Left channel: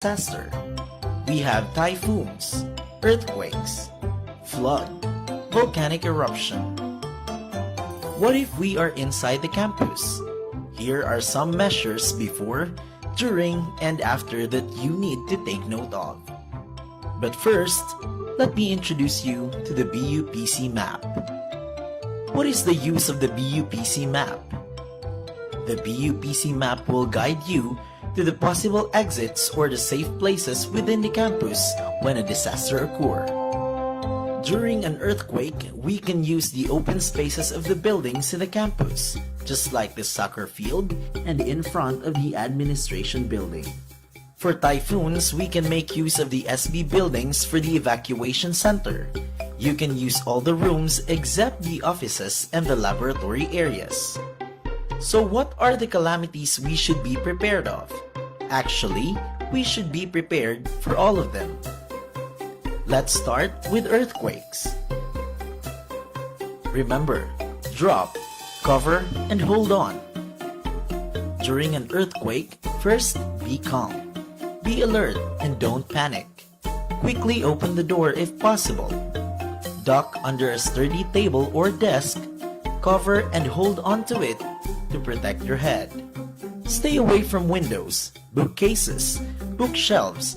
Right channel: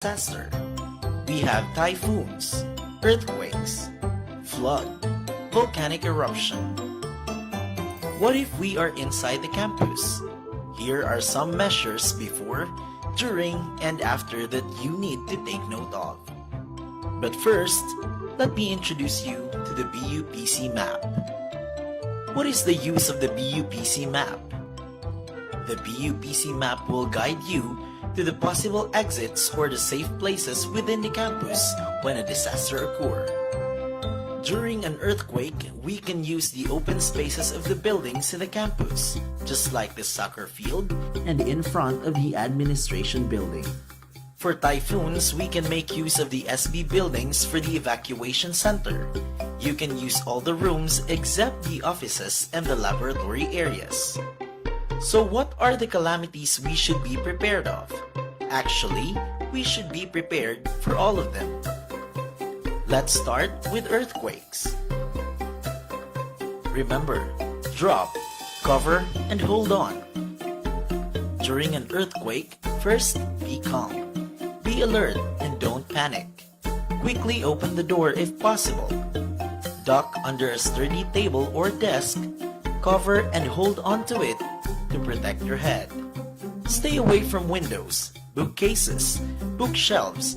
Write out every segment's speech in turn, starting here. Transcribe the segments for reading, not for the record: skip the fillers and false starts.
disaster. We have typhoons, earthquakes, flood, volcanic eruption. What if we are inside the campus? Here are some measures before, during, and after that you need to take note of. But first, let me introduce you to the BUPC map. What is the use of the BUPC map? The BUPC map will guide you to the possible exits or the safe places within the campus when a disaster occurs. During an earthquake, we can use the open spaces of the buildings in the campus, just like the soccer field and in front of the administration building. For typhoons, we can make use of the SB buildings for the evacuation center. You can use all the rooms except the offices and the laboratory areas. So what are the calamities we should be prepared of? Actually, we should be prepared for all of them. Let's start with earthquakes. Remember, drop, cover, and hold on. During an earthquake, first be calm. Be alert and don't panic. Quickly open the door if possible. Duck under a sturdy table or desk. Cover and hold onto it to protect your head. Stay away from windows, bookcases, bookshelves,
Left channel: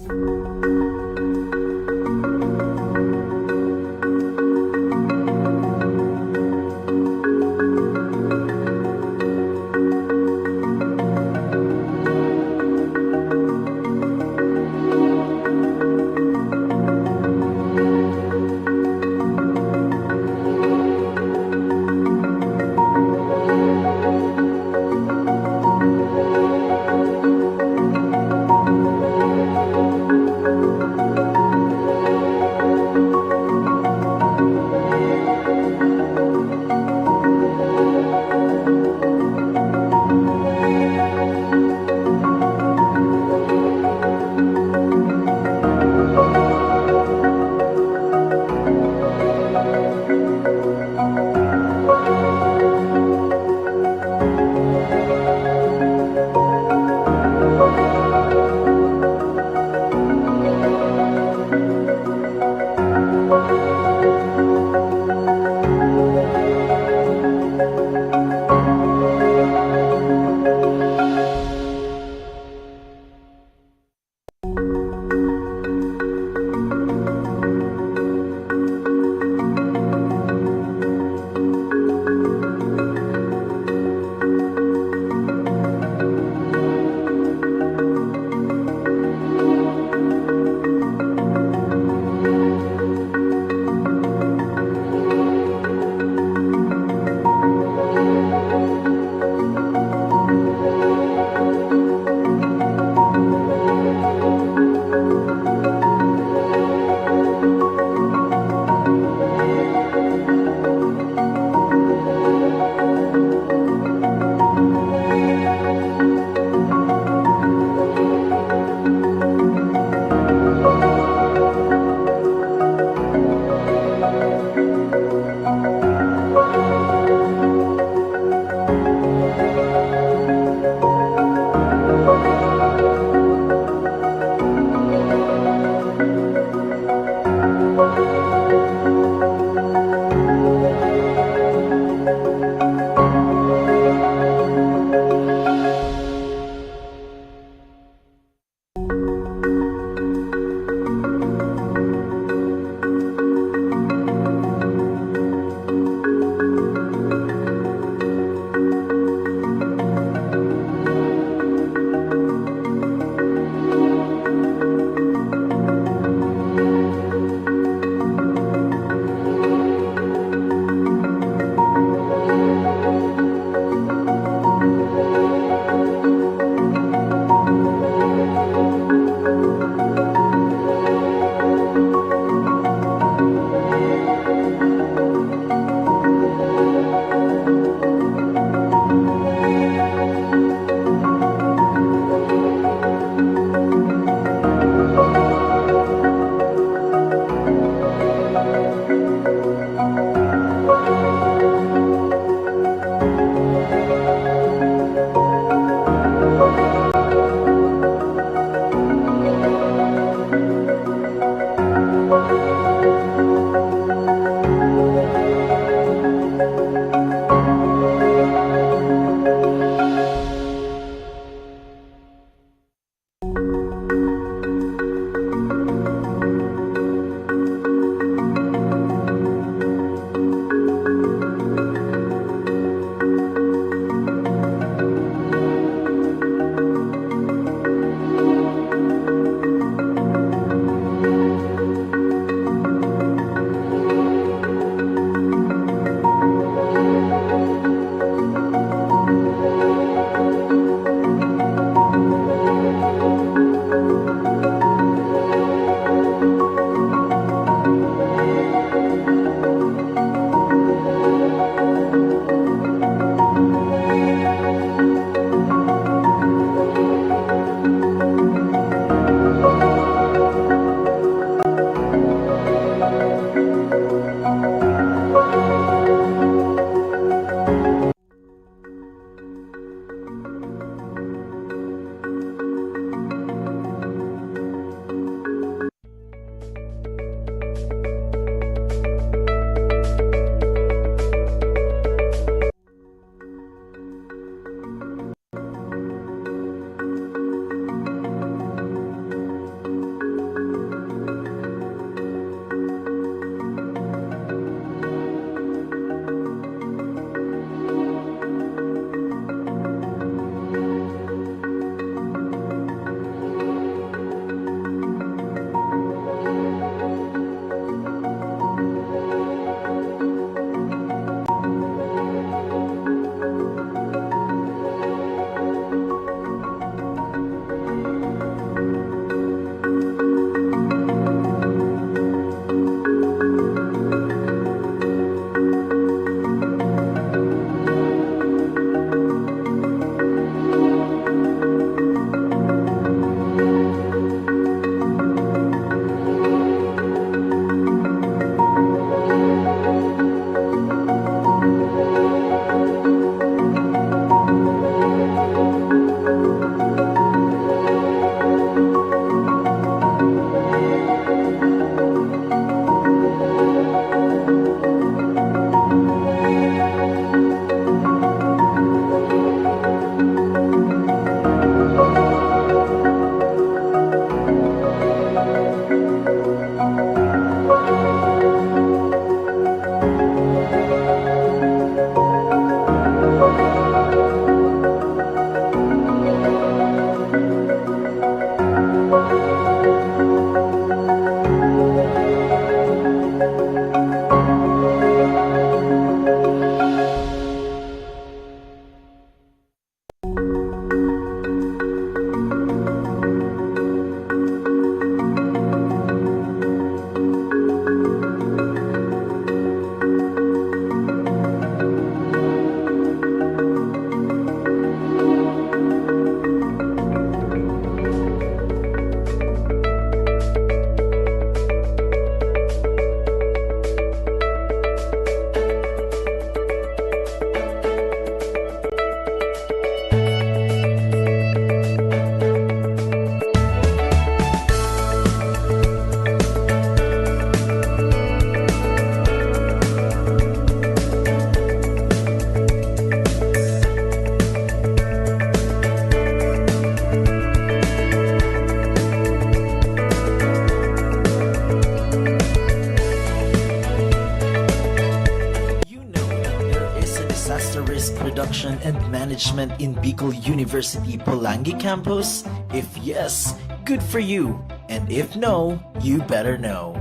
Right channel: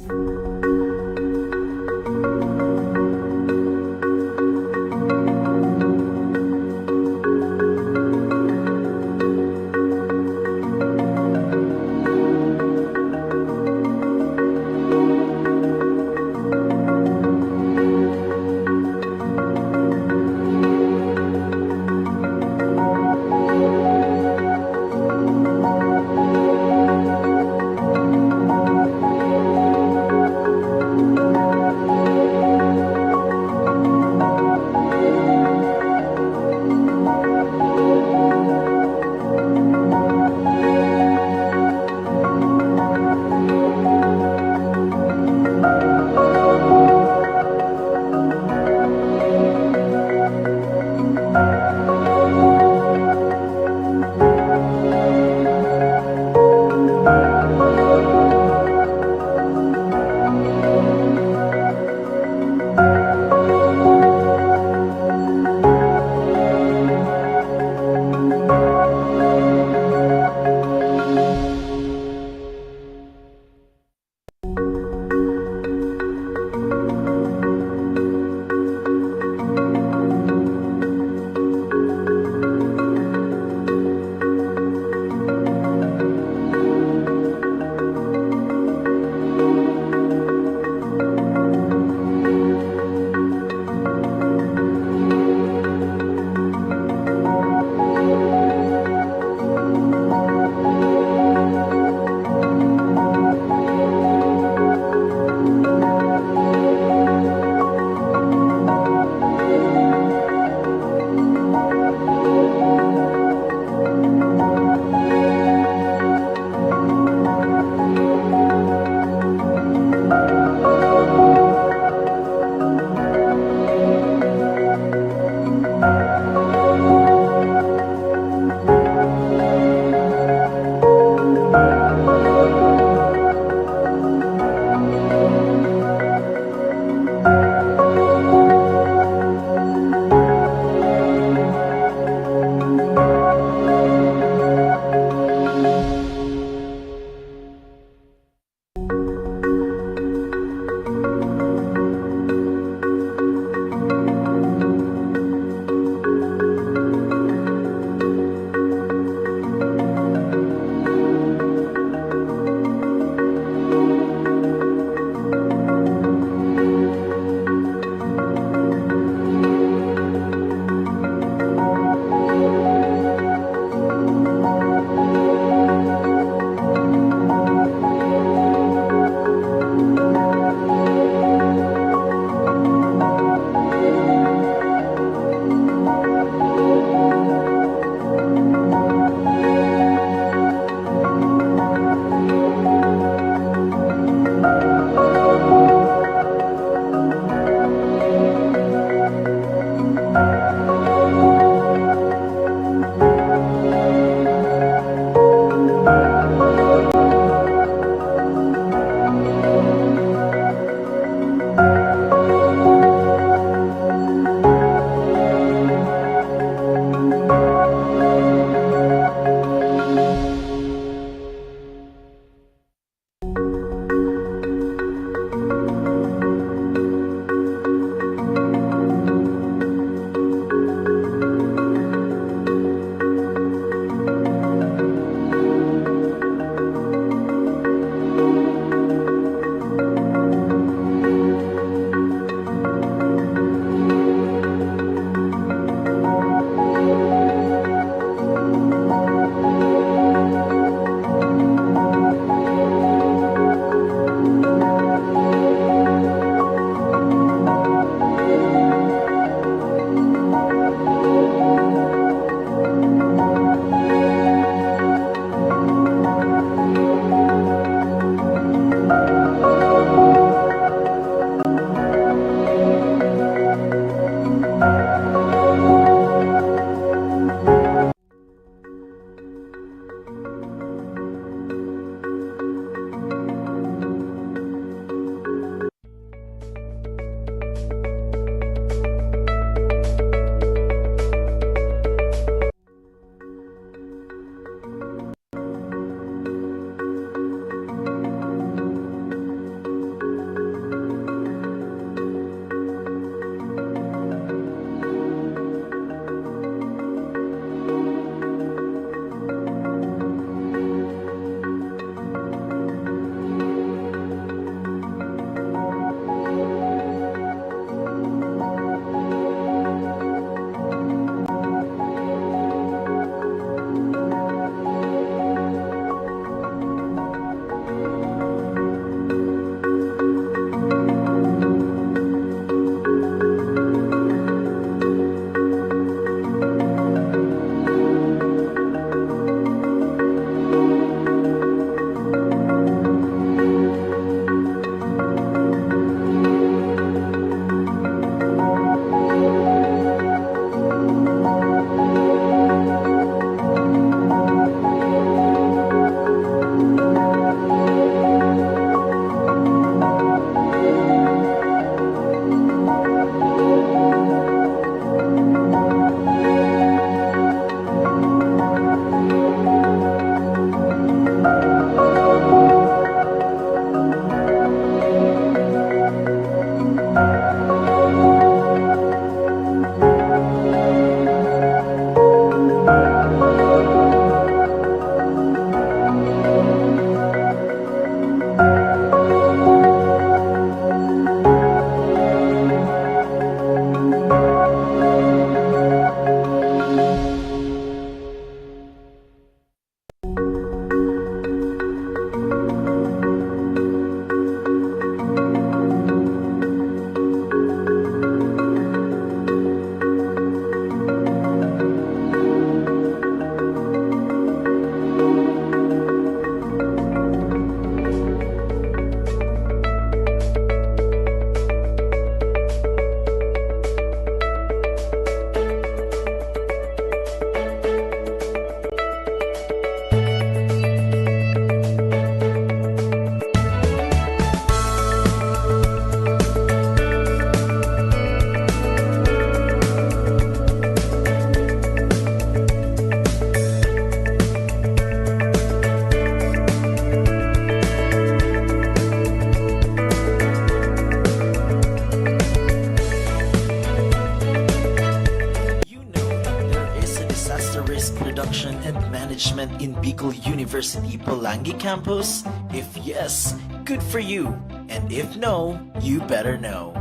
and Management in Bicol University Pulangi campus? If yes, good for you. And if no, you better know.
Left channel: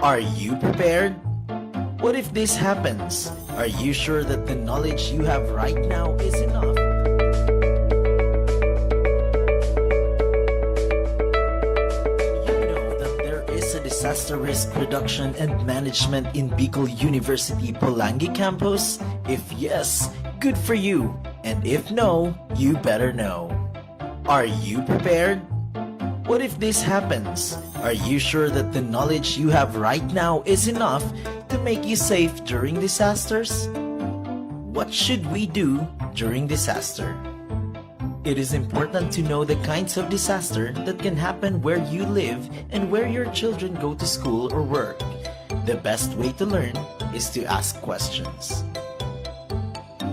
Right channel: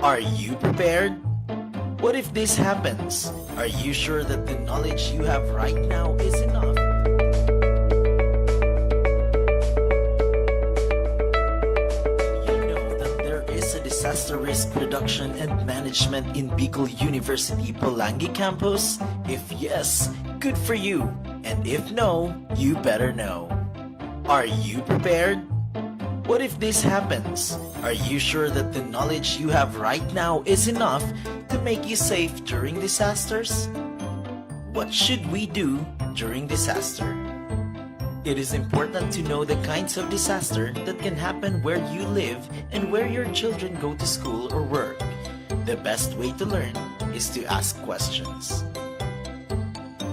Are you prepared? What if this happens? Are you sure that the knowledge you have right now is enough? You know that there is a disaster risk reduction and management in Bicol University Pulangi campus? If yes, good for you. And if no, you better know. Are you prepared? What if this happens? Are you sure that the knowledge you have right now is enough to make you safe during disasters? What should we do during disaster? It is important to know the kinds of disaster that can happen where you live and where your children go to school or work. The best way to learn is to ask questions.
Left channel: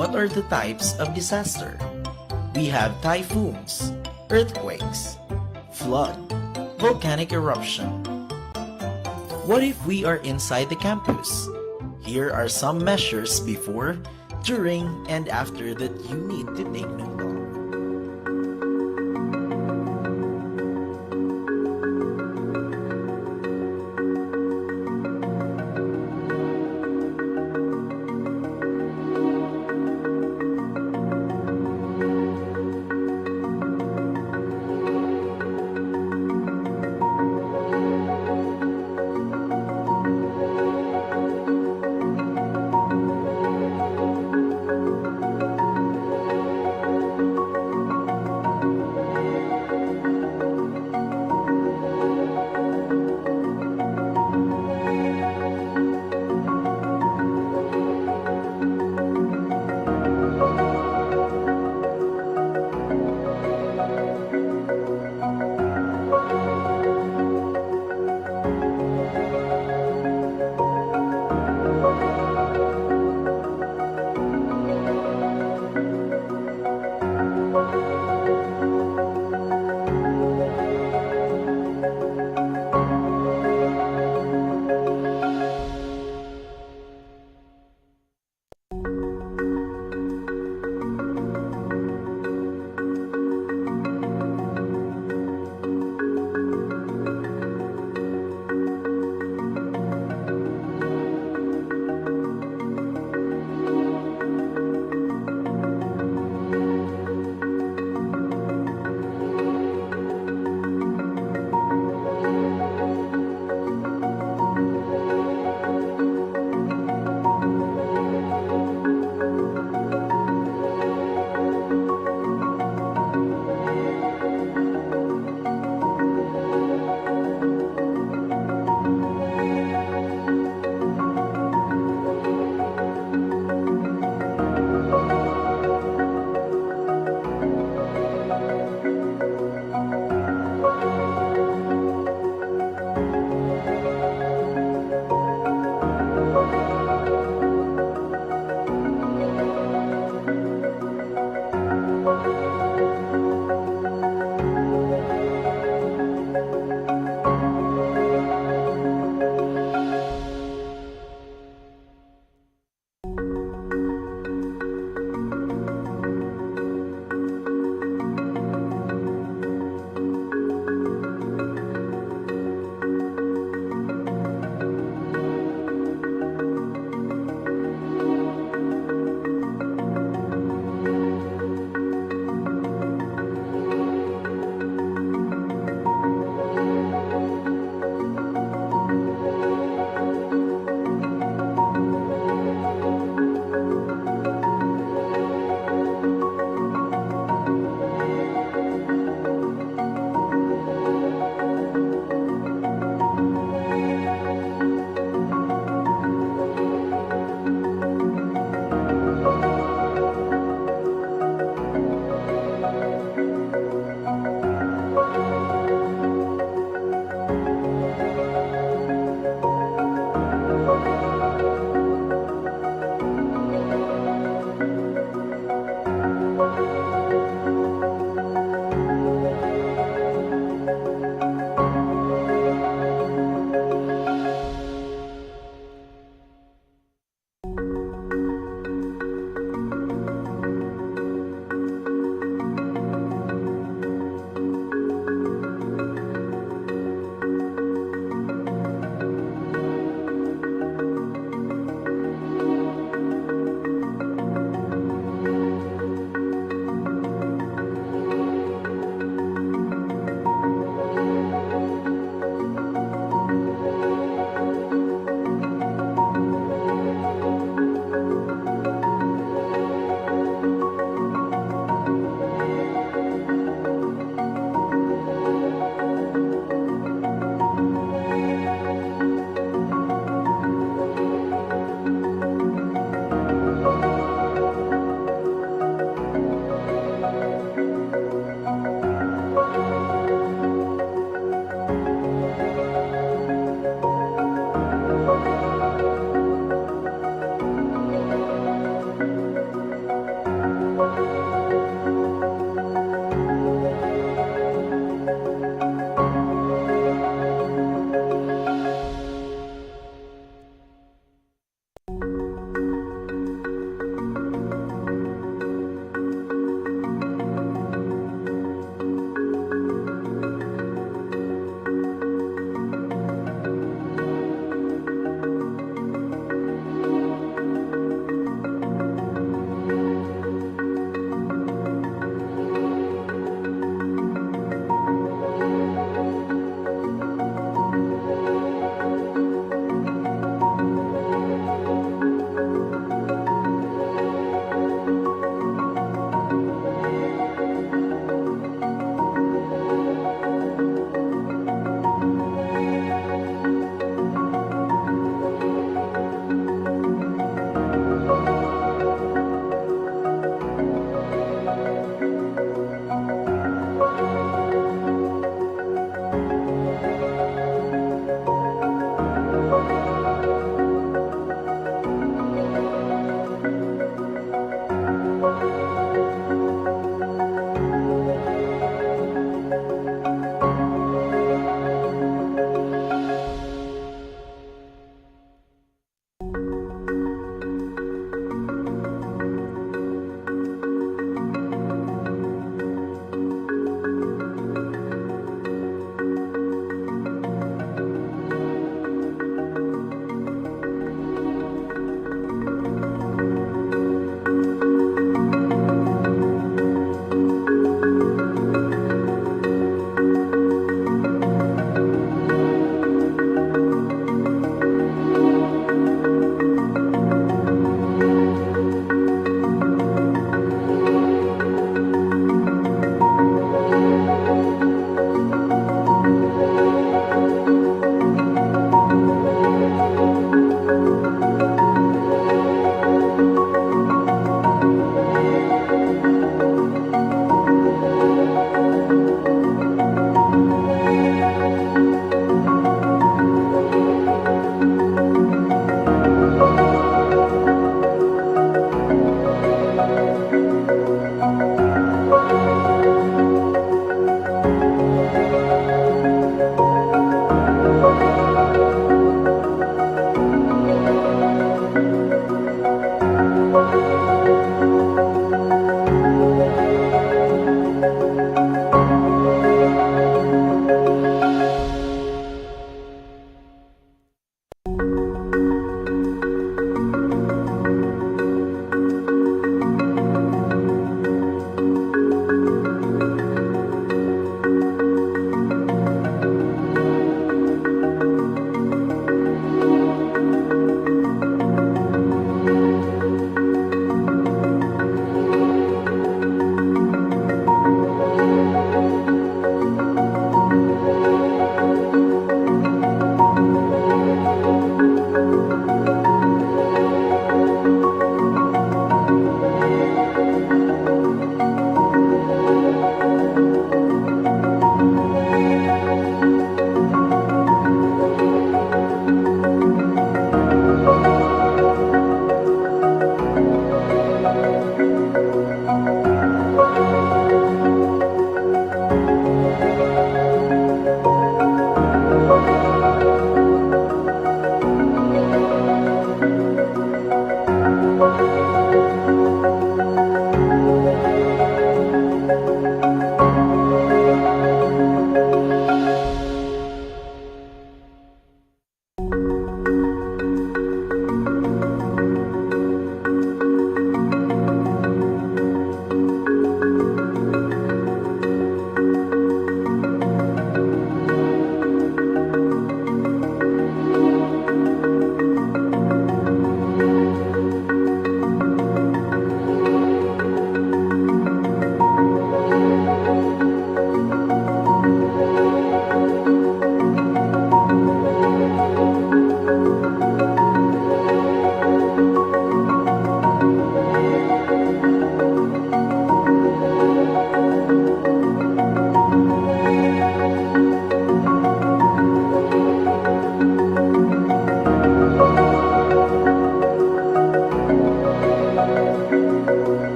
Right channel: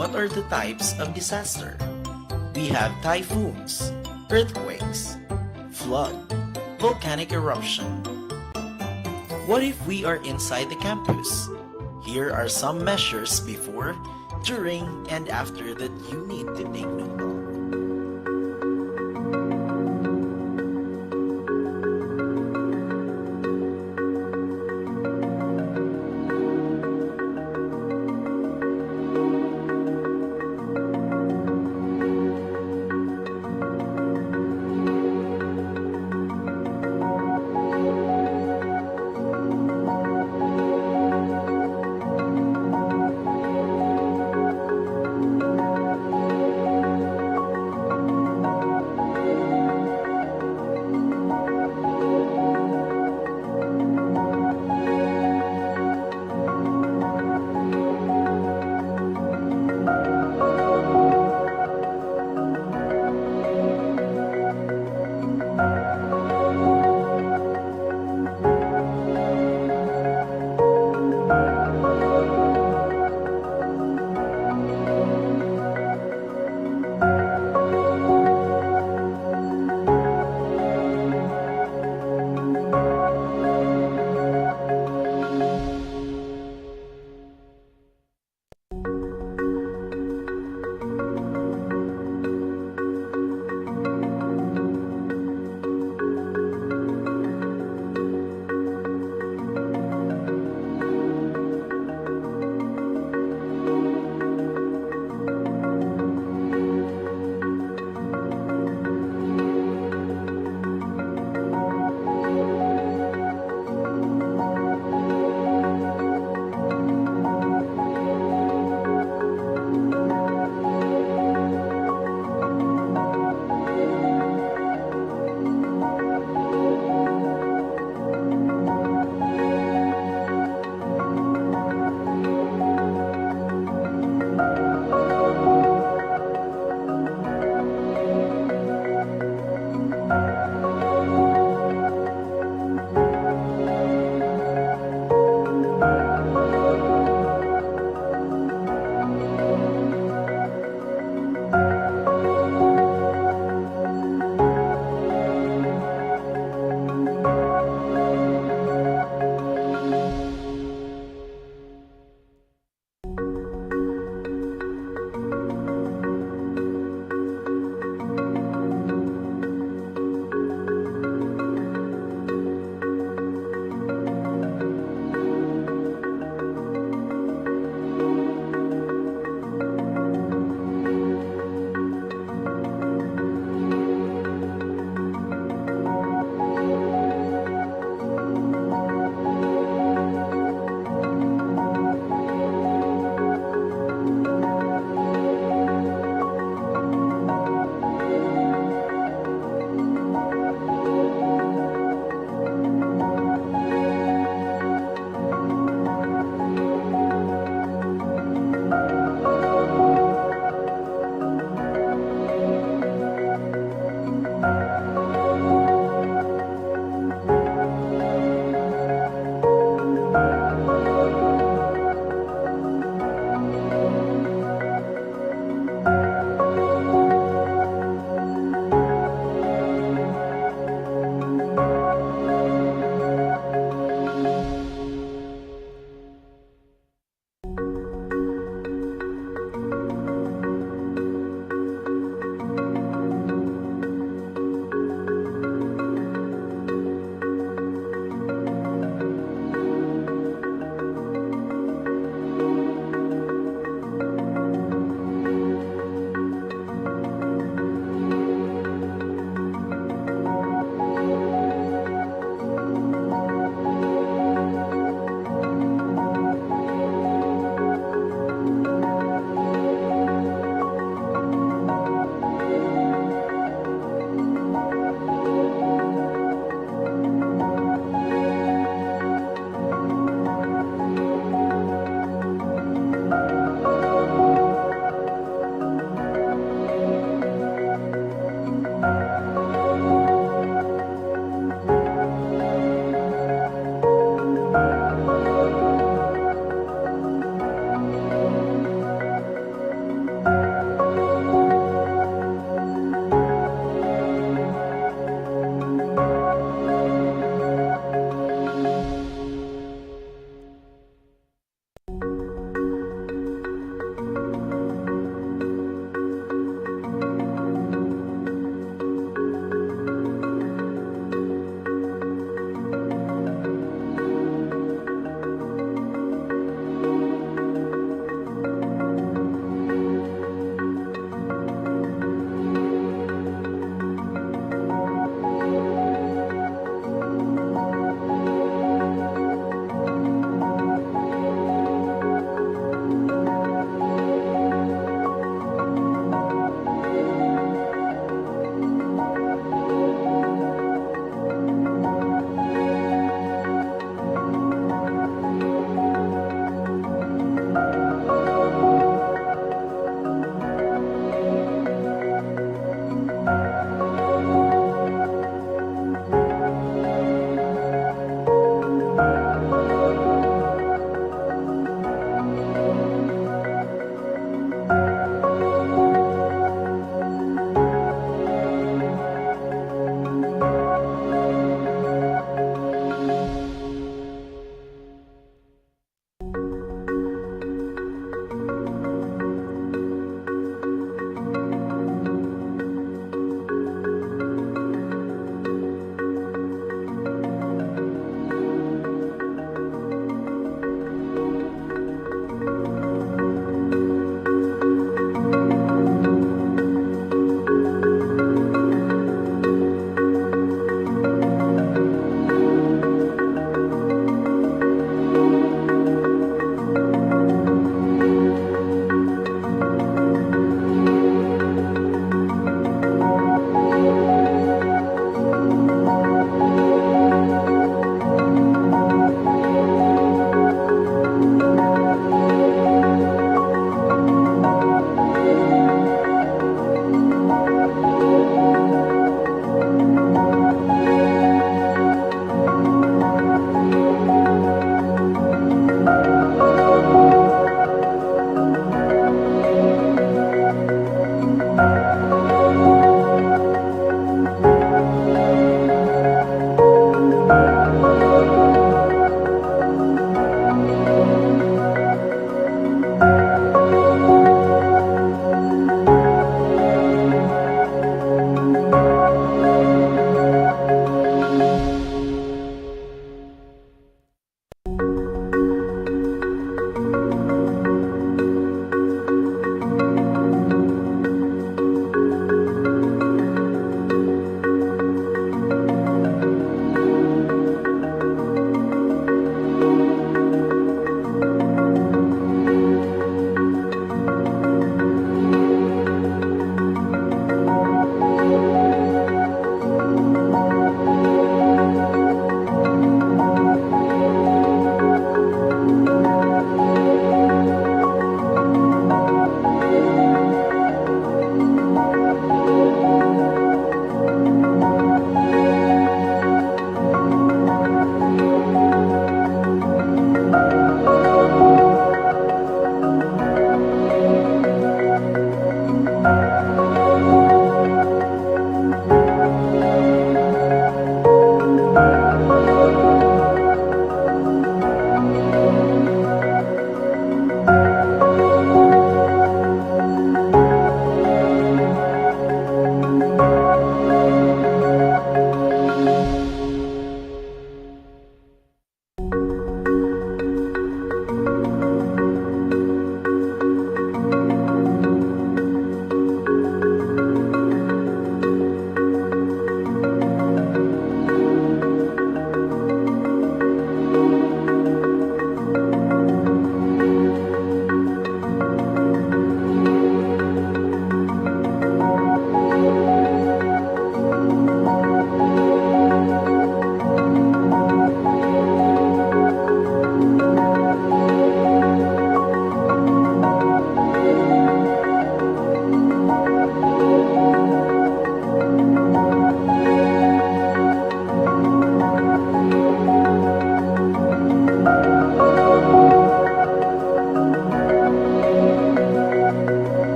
What are the types of disaster? We have typhoons, earthquakes, flood, volcanic eruption. What if we are inside the campus? Here are some measures before, during, and after that you need to take note of.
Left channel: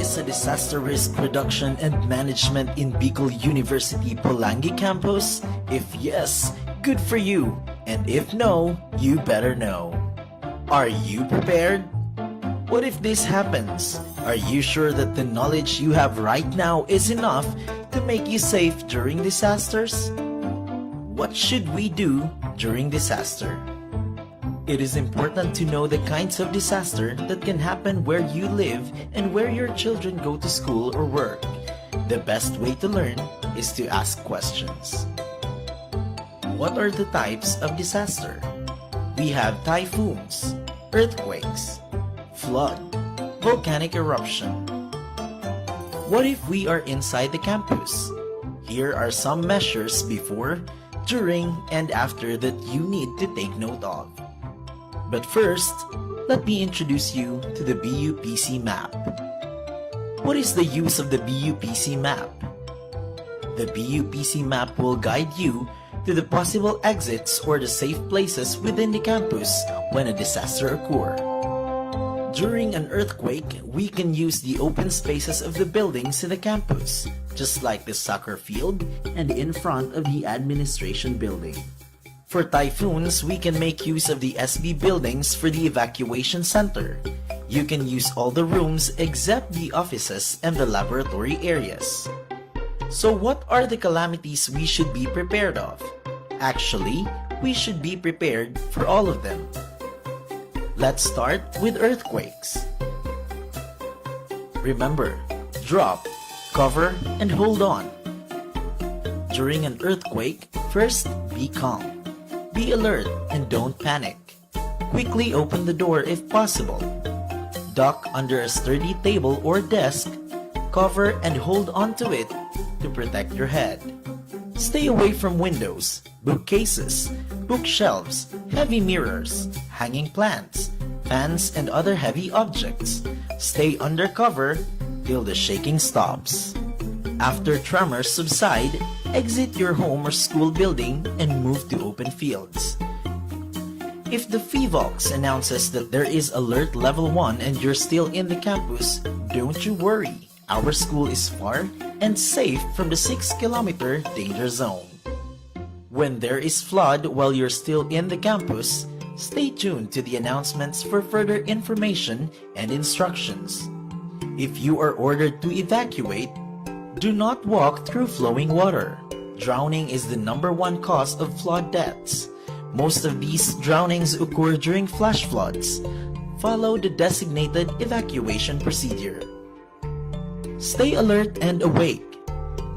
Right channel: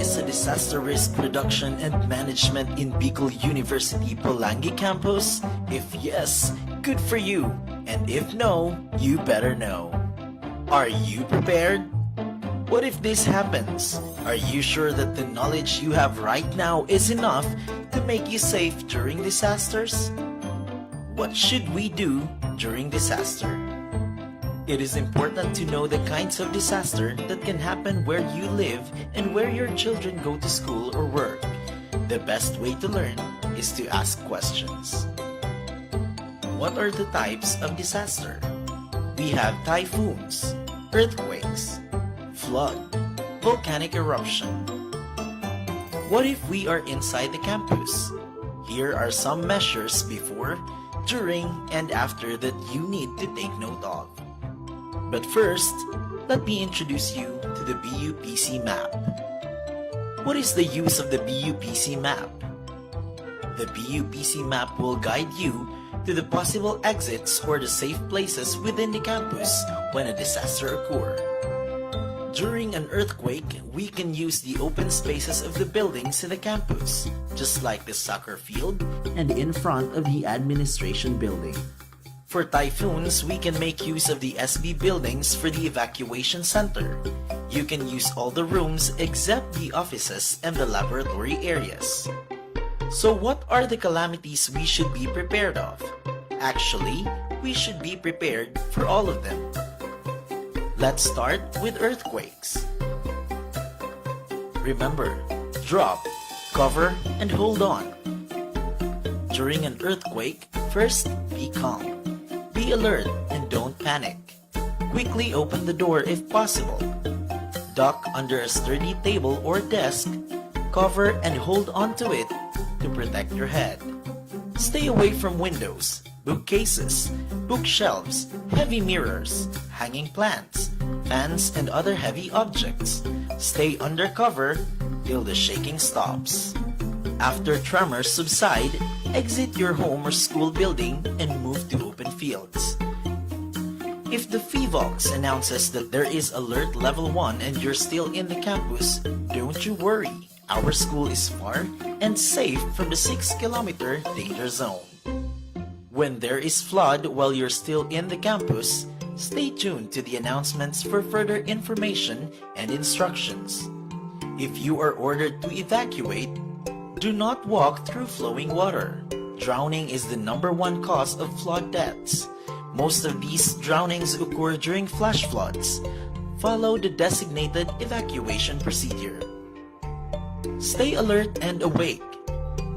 is a disaster risk reduction and management in Bicol University Pulangi campus? If yes, good for you. And if no, you better know. Are you prepared? What if this happens? Are you sure that the knowledge you have right now is enough to make you safe during disasters? What should we do during disaster? It is important to know the kinds of disaster that can happen where you live and where your children go to school or work. The best way to learn is to ask questions. What are the types of disaster? We have typhoons, earthquakes, flood, volcanic eruption. What if we are inside the campus? Here are some measures before, during, and after that you need to take note of. But first, let me introduce you to the BUPC map. What is the use of the BUPC map? The BUPC map will guide you to the possible exits or the safe places within the campus when a disaster occurs. During an earthquake, we can use the open spaces of the buildings in the campus, just like the soccer field and in front of the administration building. For typhoons, we can make use of the SB buildings for the evacuation center. You can use all the rooms except the offices and the laboratory areas. So what are the calamities we should be prepared of? Actually, we should be prepared for all of them. Let's start with earthquakes. Remember, drop, cover, and hold on. During an earthquake, first be calm. Be alert and don't panic. Quickly open the door if possible. Duck under a sturdy table or desk. Cover and hold onto it to protect your head. Stay away from windows, bookcases, bookshelves, heavy mirrors, hanging plants, fans, and other heavy objects. Stay under cover till the shaking stops. After tremors subside, exit your home or school building and move to open fields. If the PHIVOLCS announces that there is alert level 1 and you're still in the campus, don't you worry. Our school is far and safe from the 6-kilometer danger zone. When there is flood while you're still in the campus, stay tuned to the announcements for further information and instructions. If you are ordered to evacuate, do not walk through flowing water. Drowning is the #1 cause of flood deaths. Most of these drownings occur during flash floods. Follow the designated evacuation procedure. Stay alert and awake.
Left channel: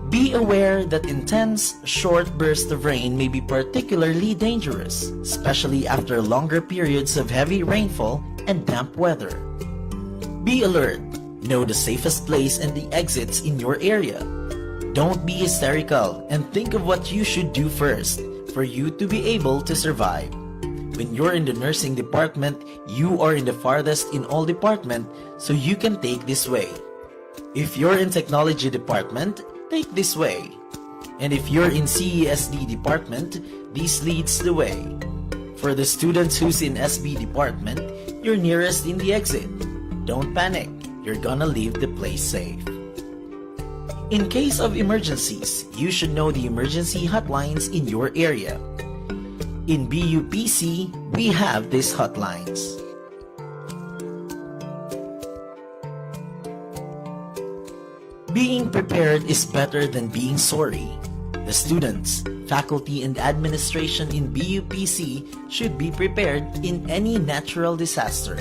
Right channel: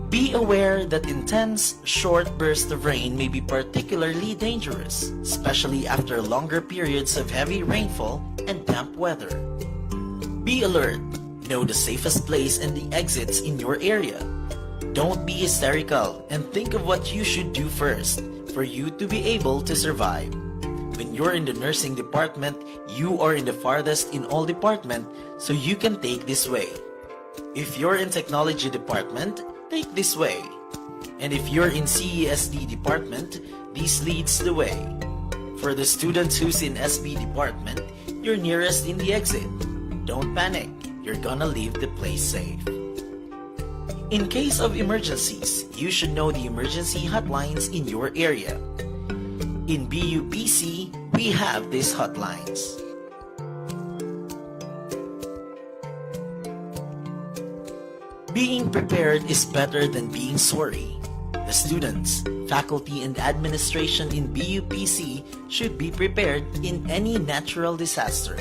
Be aware that intense, short bursts of rain may be particularly dangerous, especially after longer periods of heavy rainfall and damp weather. Be alert. Know the safest place and the exits in your area. Don't be hysterical and think of what you should do first for you to be able to survive. When you're in the nursing department, you are in the farthest in all department, so you can take this way. If you're in technology department, take this way. And if you're in CESD department, this leads the way. For the students who's in SB department, you're nearest in the exit. Don't panic. You're gonna leave the place safe. In case of emergencies, you should know the emergency hotlines in your area. In BUPC, we have these hotlines. Being prepared is better than being sorry. The students, faculty, and administration in BUPC should be prepared in any natural disaster.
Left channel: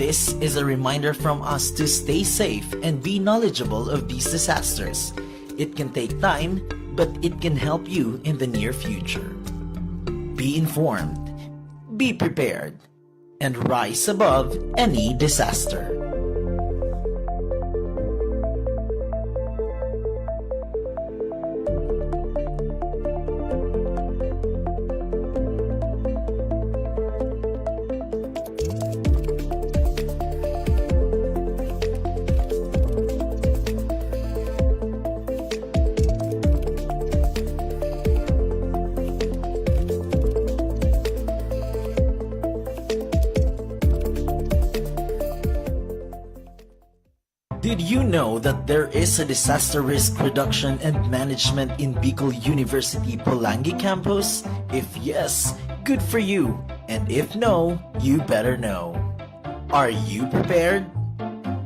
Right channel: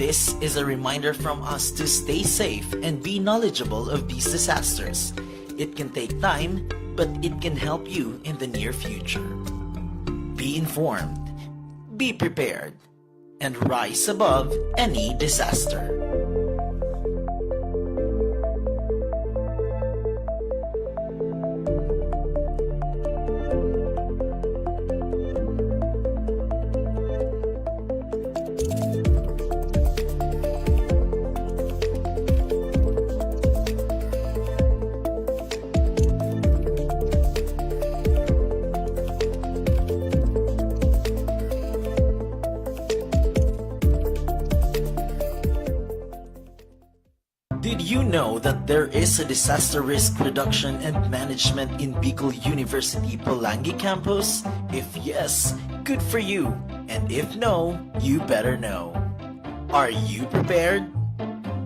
This is a reminder from us to stay safe and be knowledgeable of these disasters. It can take time, but it can help you in the near future. Be informed, be prepared, and rise above any disaster. Did you know that there is a disaster risk reduction and management in Bicol University Pulangi campus? If yes, good for you. And if no, you better know. Are you prepared?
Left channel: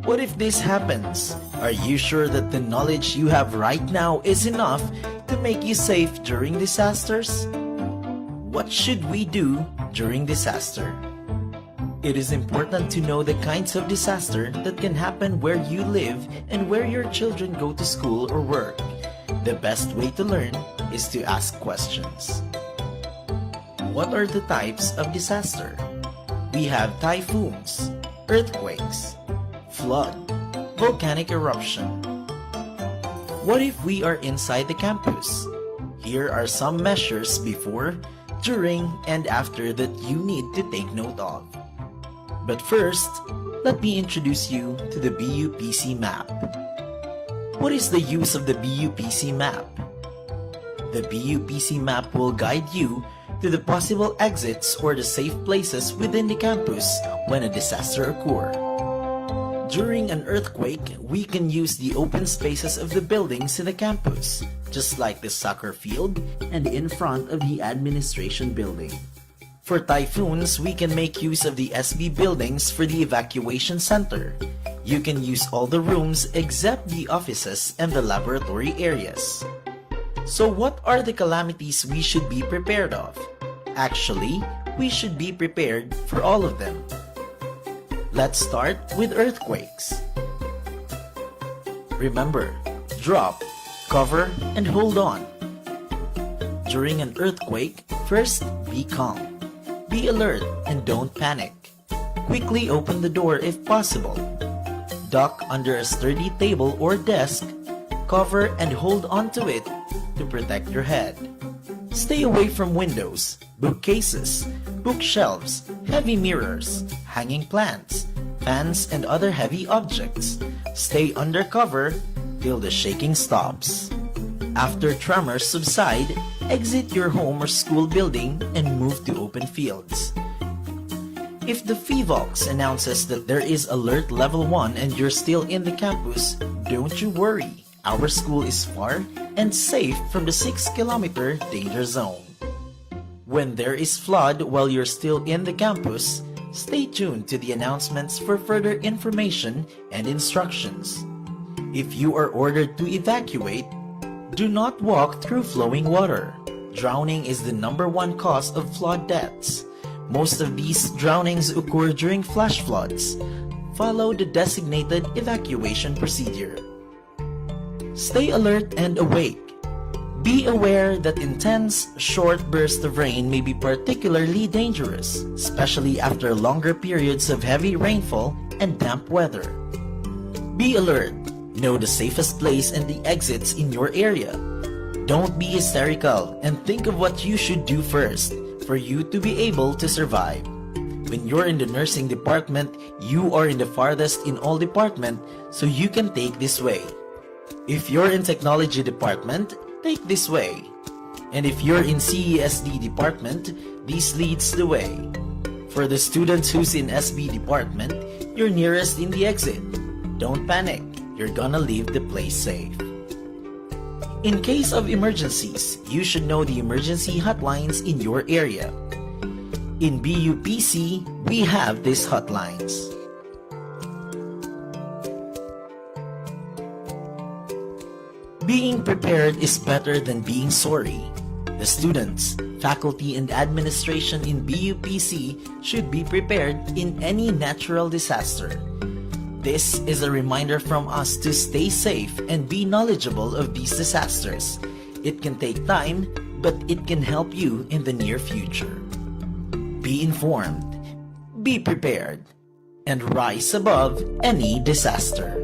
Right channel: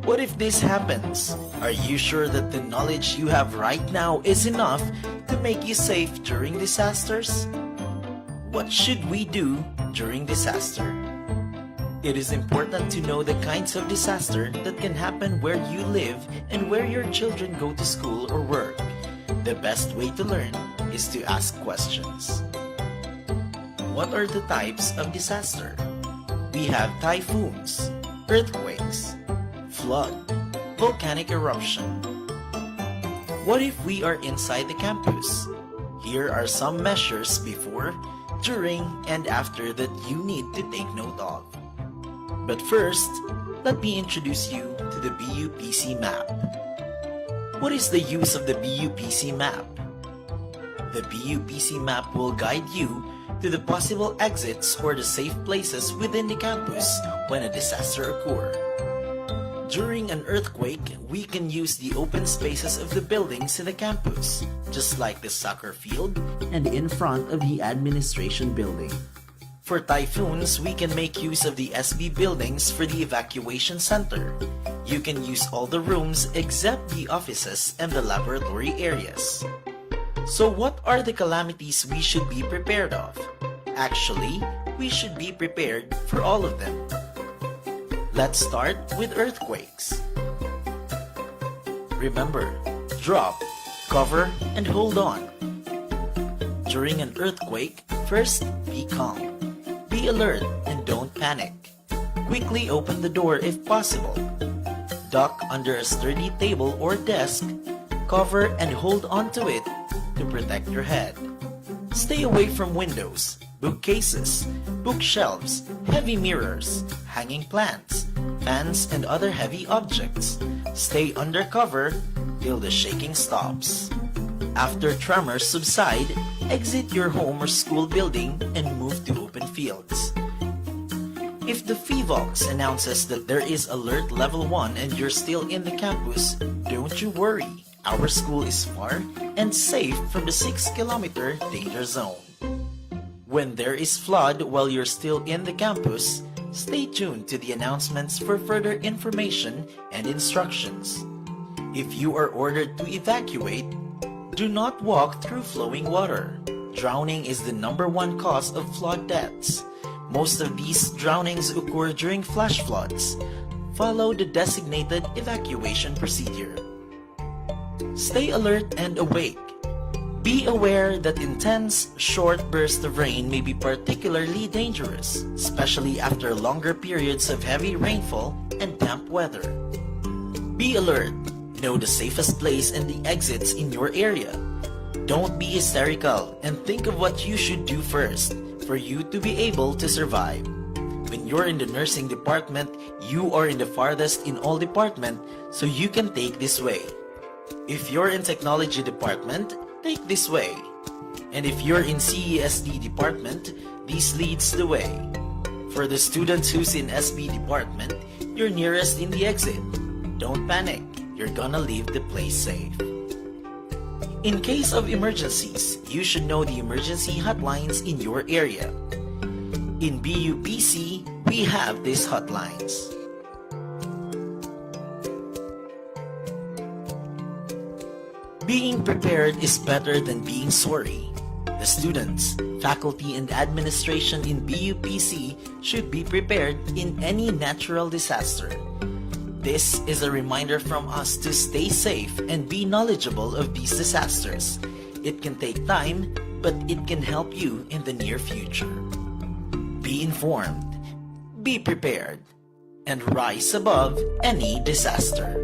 What if this happens? Are you sure that the knowledge you have right now is enough to make you safe during disasters? What should we do during disaster? It is important to know the kinds of disaster that can happen where you live and where your children go to school or work. The best way to learn is to ask questions. What are the types of disaster? We have typhoons, earthquakes, flood, volcanic eruption. What if we are inside the campus? Here are some measures before, during, and after that you need to take note of. But first, let me introduce you to the BUPC map. What is the use of the BUPC map? The BUPC map will guide you to the possible exits or the safe places within the campus when a disaster occurs. During an earthquake, we can use the open spaces of the buildings in the campus, just like the soccer field and in front of the administration building. For typhoons, we can make use of the SB buildings for the evacuation center. You can use all the rooms except the offices and the laboratory areas. So what are the calamities we should be prepared of? Actually, we should be prepared for all of them. Let's start with earthquakes. Remember, drop, cover, and hold on. During an earthquake, first be calm. Be alert and don't panic. Quickly open the door if possible. Duck under a sturdy table or desk. Cover and hold onto it to protect your head. Stay away from windows, bookcases, bookshelves, heavy mirrors, hanging plants, fans, and other heavy objects. Stay under cover till the shaking stops. After tremors subside, exit your home or school building and move to open fields. If the PHIVOLCS announces that there is alert level 1 and you're still in the campus, don't you worry. Our school is far and safe from the 6-kilometer danger zone. When there is flood while you're still in the campus, stay tuned to the announcements for further information and instructions. If you are ordered to evacuate, do not walk through flowing water. Drowning is the #1 cause of flood deaths. Most of these drownings occur during flash floods. Follow the designated evacuation procedure. Stay alert and awake. Be aware that intense, short bursts of rain may be particularly dangerous, especially after longer periods of heavy rainfall and damp weather. Be alert. Know the safest place and the exits in your area. Don't be hysterical and think of what you should do first for you to be able to survive. When you're in the nursing department, you are in the farthest in all department, so you can take this way. If you're in technology department, take this way. And if you're in CESD department, this leads the way. For the students who's in SB department, you're nearest in the exit. Don't panic, you're gonna leave the place safe. In case of emergencies, you should know the emergency hotlines in your area. In BUPC, we have these hotlines. Being prepared is better than being sorry. The students, faculty, and administration in BUPC should be prepared in any natural disaster. This is a reminder from us to stay safe and be knowledgeable of these disasters. It can take time, but it can help you in the near future. Be informed, be prepared, and rise above any disaster.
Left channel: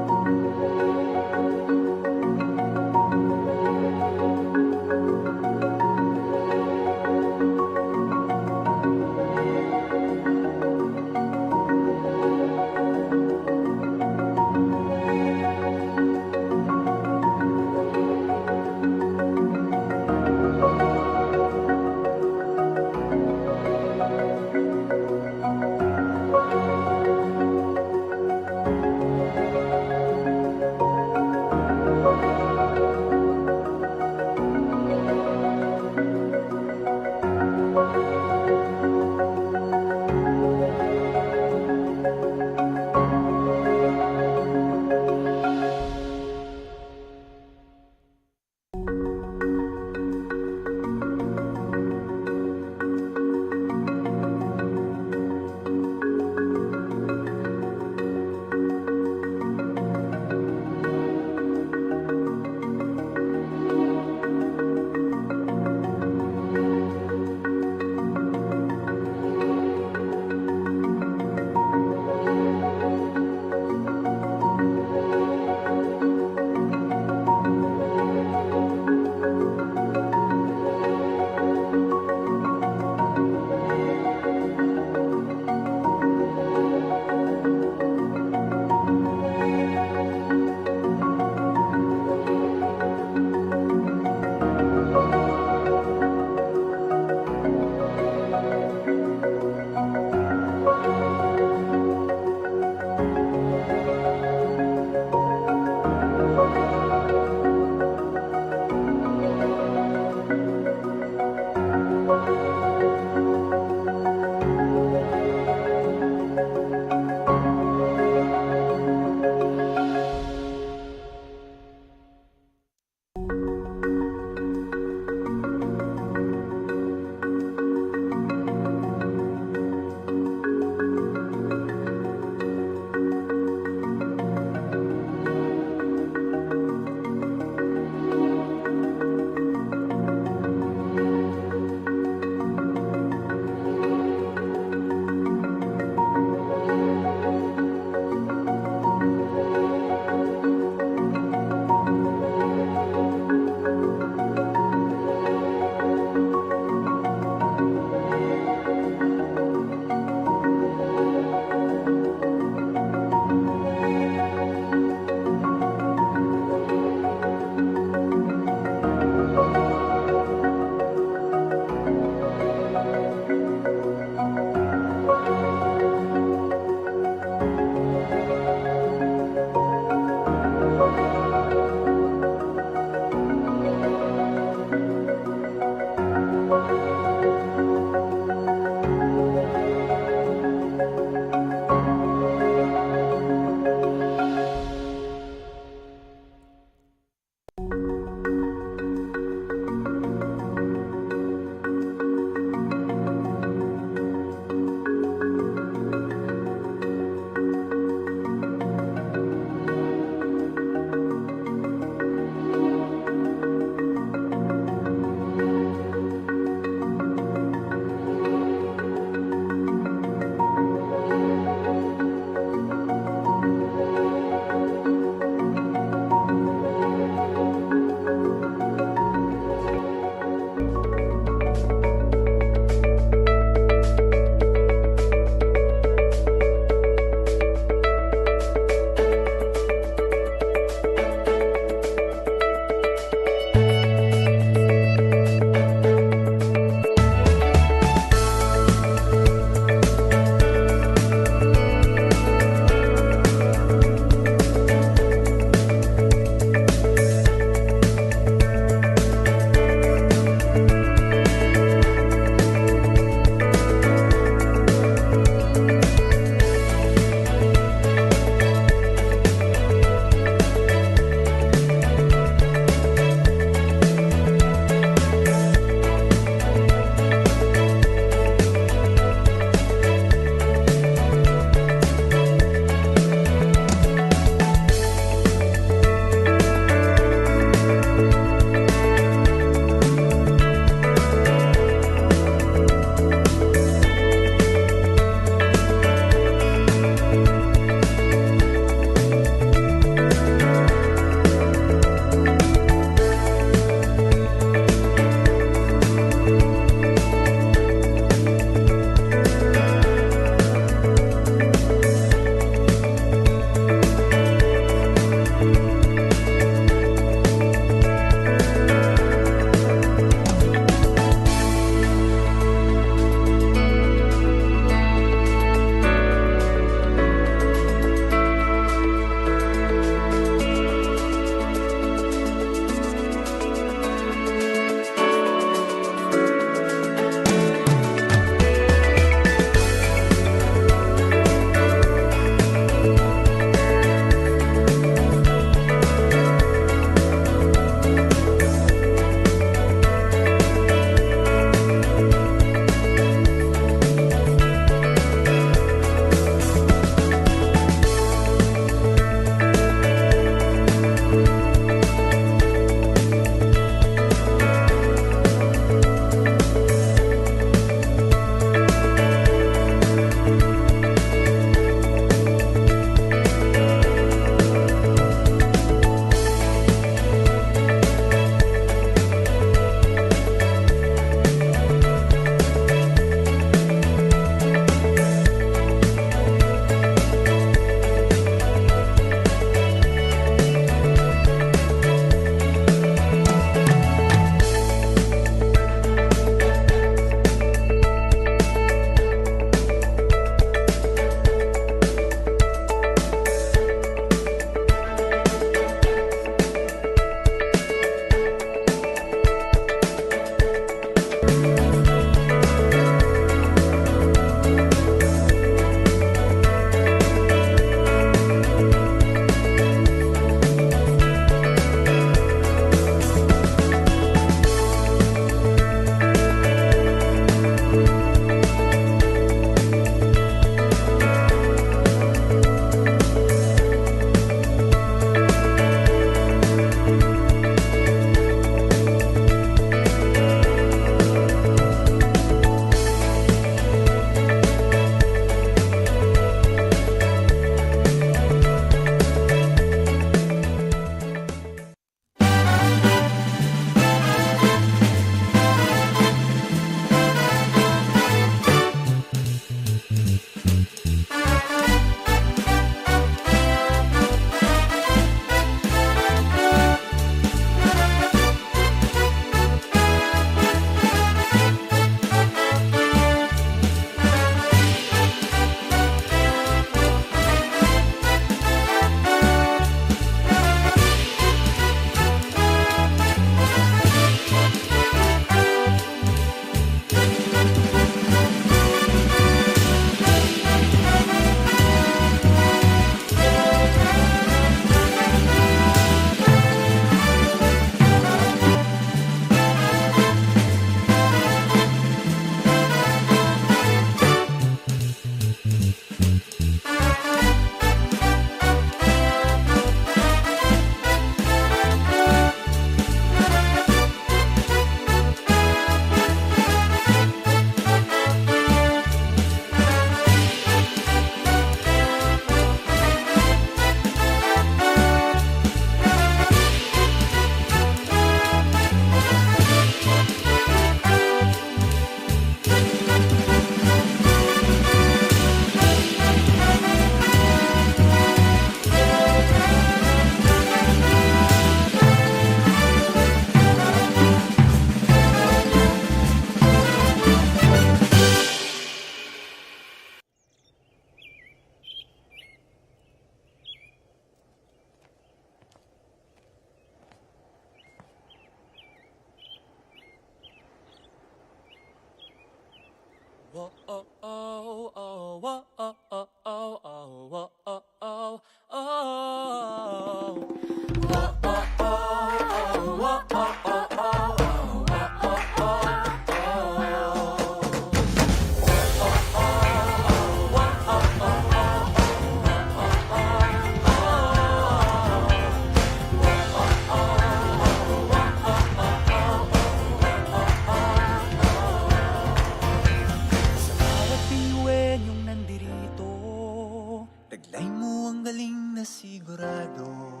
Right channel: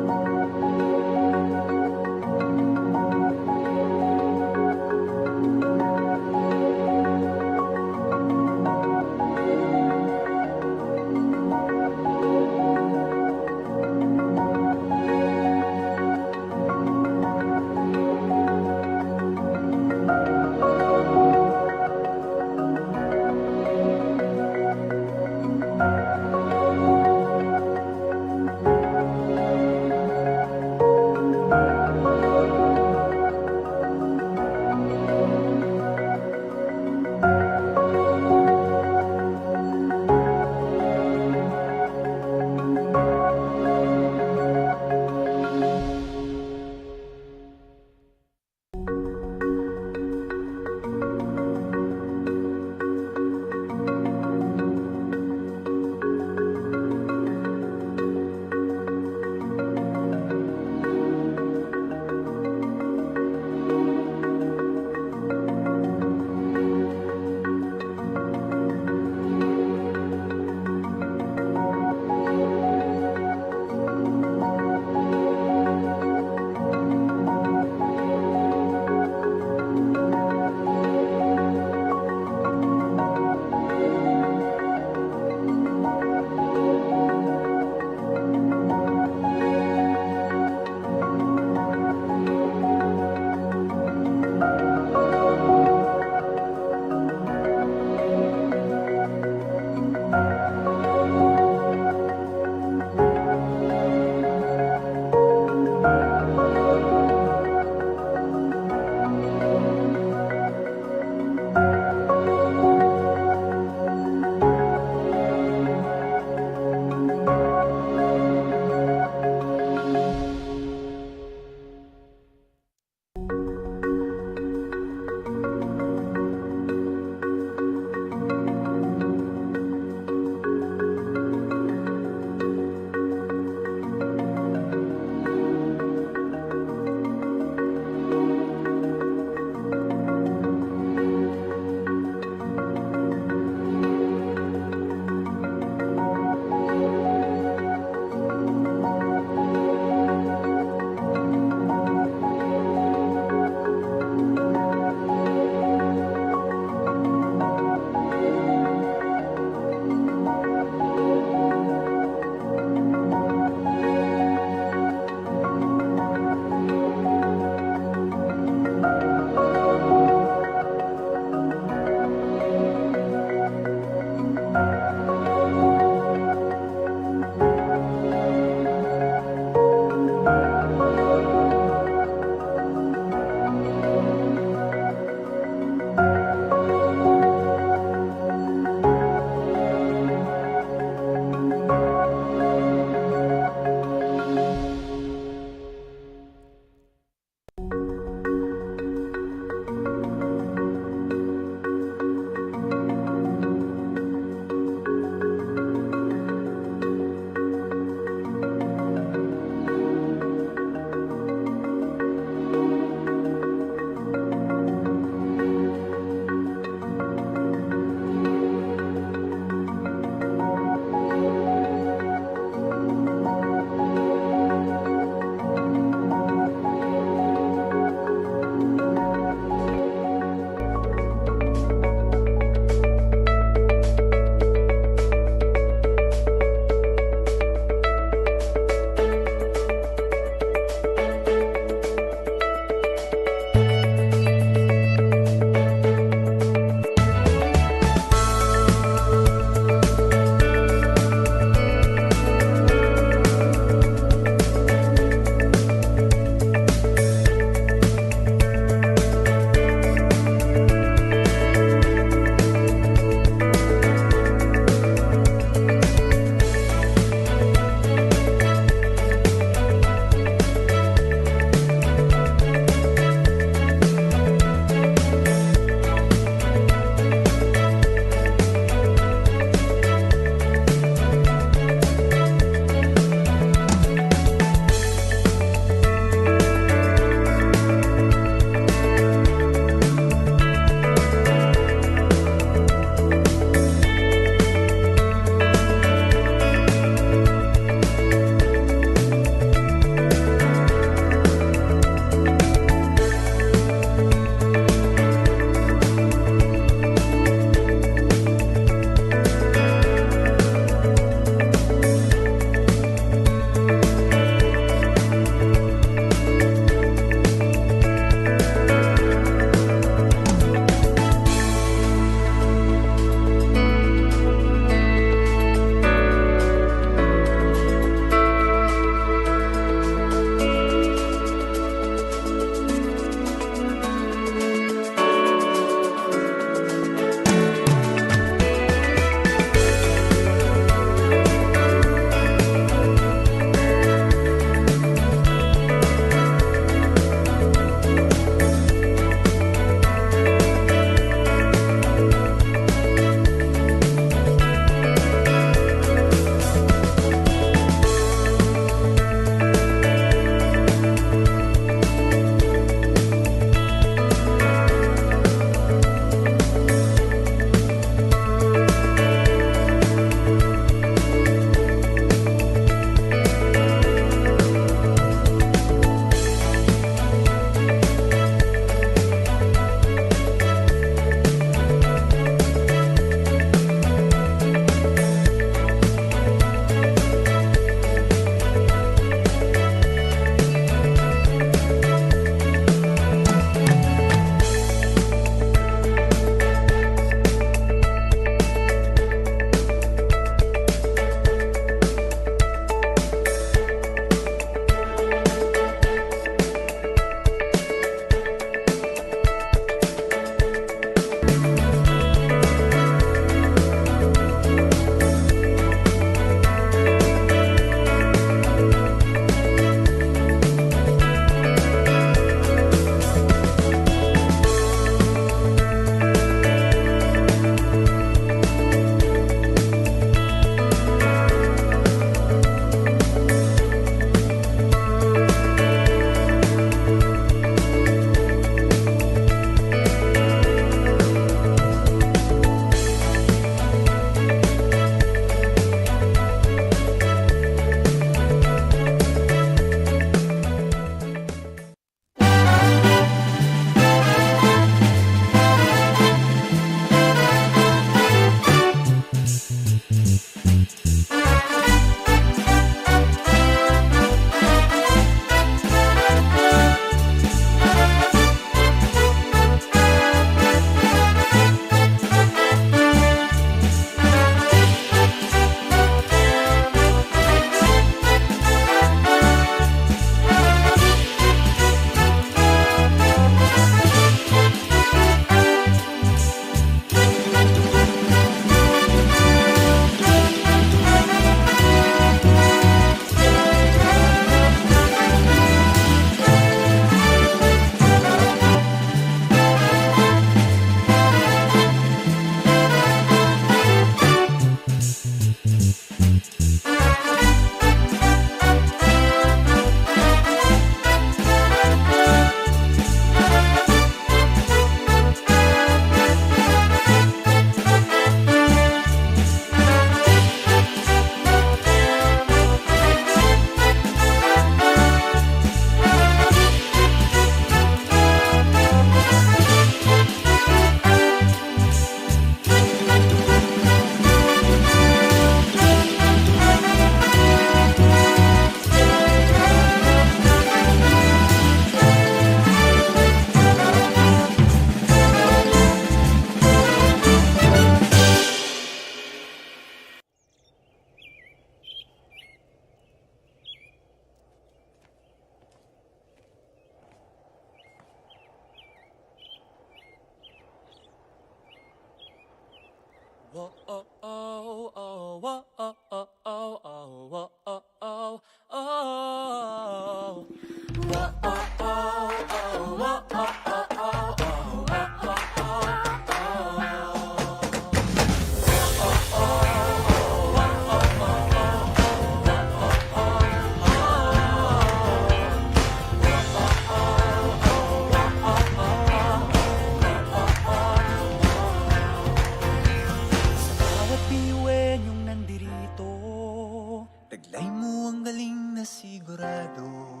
Taglay mo ang galing na sigurado.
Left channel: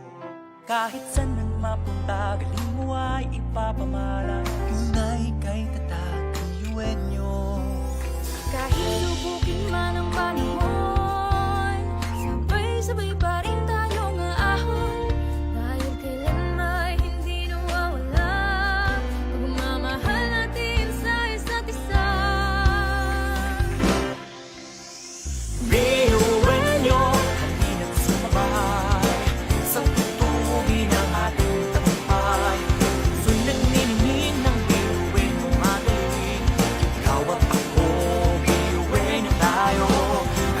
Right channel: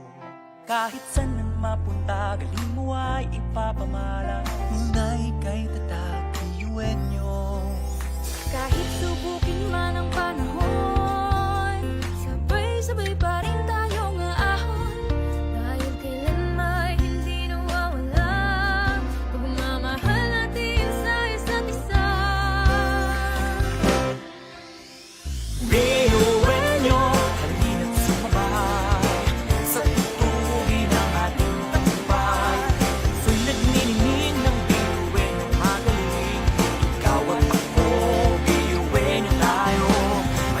Kahit saan man mapunta, galing mo ay ipapamalas. Tunay kay tatak, Piyuenyo. Kahit subukin man ang panahon, sabay-sabay pa rin tayong aahon. Dahil kailan may hindi nawawala pagmamahal natin sa isa't isa. Piyuenyo, halina't sumabay sa tutugin ng ating tagumpay. So'y nagniningning ng Piyuenyo magaling. Ikaw at ako, Piyuenyo tayo.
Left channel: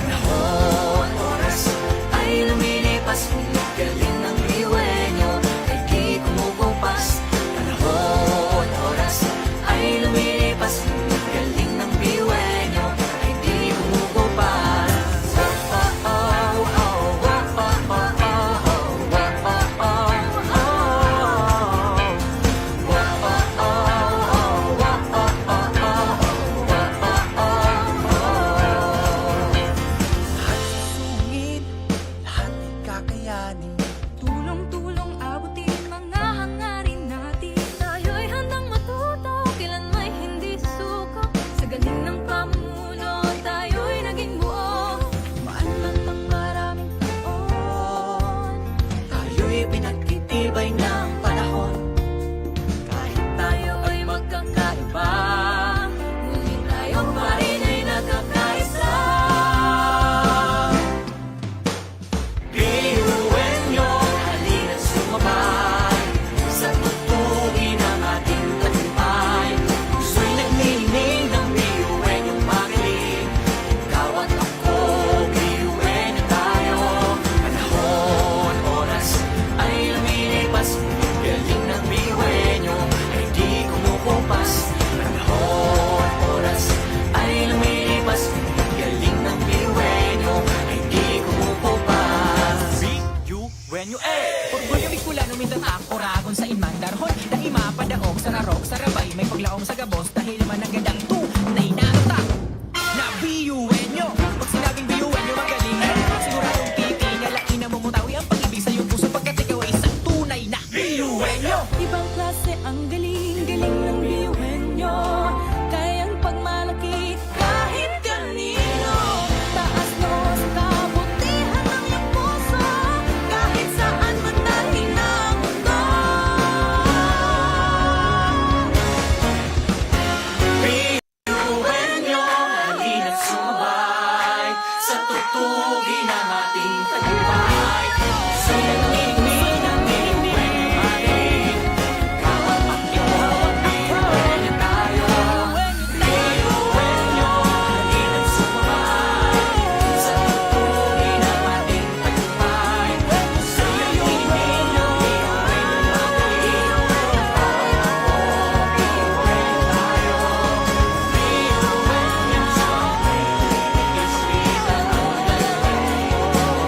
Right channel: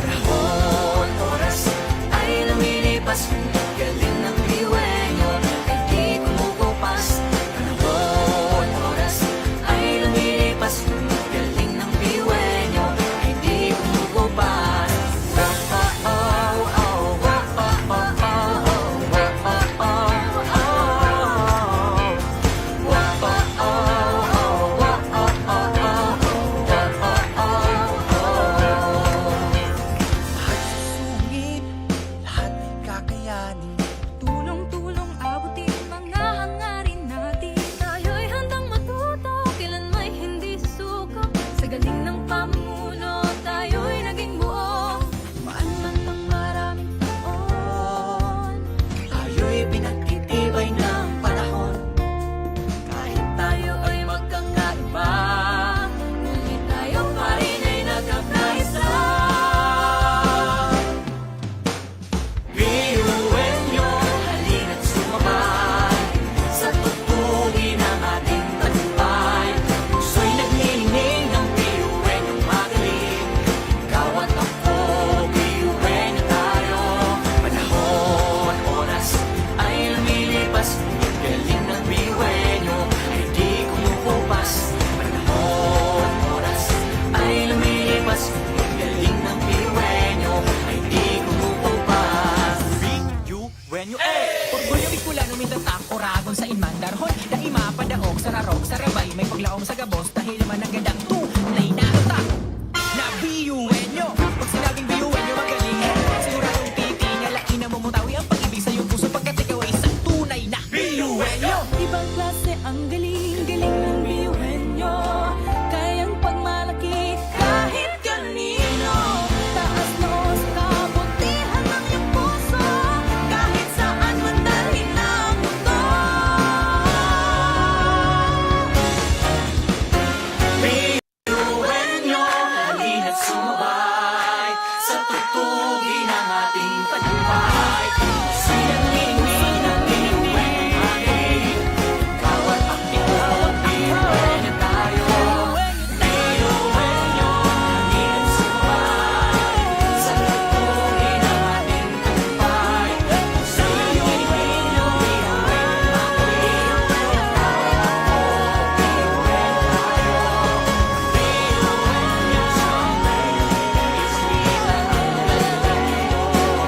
Panahon, oras ay lumilipas. Galing ng Piyuenyo ay di kumukupas. Panahon, oras ay lumilipas. Galing ng Piyuenyo ay di kumukupas. Tulong-tulong abutin mga hangarin natin. Tayo'y handang matuto, kailan may hindi susuko. Sa galing ng pamumuno, tayo'y naging buo. Maan man ang maraming taon, Tayo'y pinagtitibay ng panahon. kahit tayo ay magkakaiba, ngunit tayo pa rin ay nagkakaisa. Piyuenyo, halina't sumabay sa tutugin ng ating tagumpay. Puso'y nagningning ng Piyuenyo magaling. Ikaw at ako, Piyuenyo tayo. Panahon, oras ay lumilipas. Galing ng Piyuenyo ay di kumukupas. Panahon, oras ay lumilipas. Galing ng Piyuenyo ay di kumukupas. Piyuenyo, Orgulyo Bicolano mintatak oragon sa inmandarhon. Daima padaog sa rarok sa rabay. May paglaom sa gabos dahil naman ang gandang tunay na tatak na Piyuenyo. Pag sinabing Piyuenyo magaling, siguradong titingalain na mumutawi ang pag-ibig sa iyong puso pagkat ikaw ay isang tunay na Piyuenyo. Ibang klase ang galing-galing ng Piyuenyo. Kayang pagmalaki kahit kanino. Taas noo sa kabutihan ng iyong puso. Kahit saan man dalhin ng mundo. Piyuenyo, halina't sumabay sa tutugin ng ating tagumpay. Puso'y nagningning ng Piyuenyo magaling. Ikaw at ako, Piyuenyo tayo. Piyuenyo, halina't sumabay sa tutugin ng ating tagumpay. Puso'y nagningning ng Piyuenyo magaling. Ikaw at ako, Piyuenyo tayo. Piyuenyo, isita ang galing mo.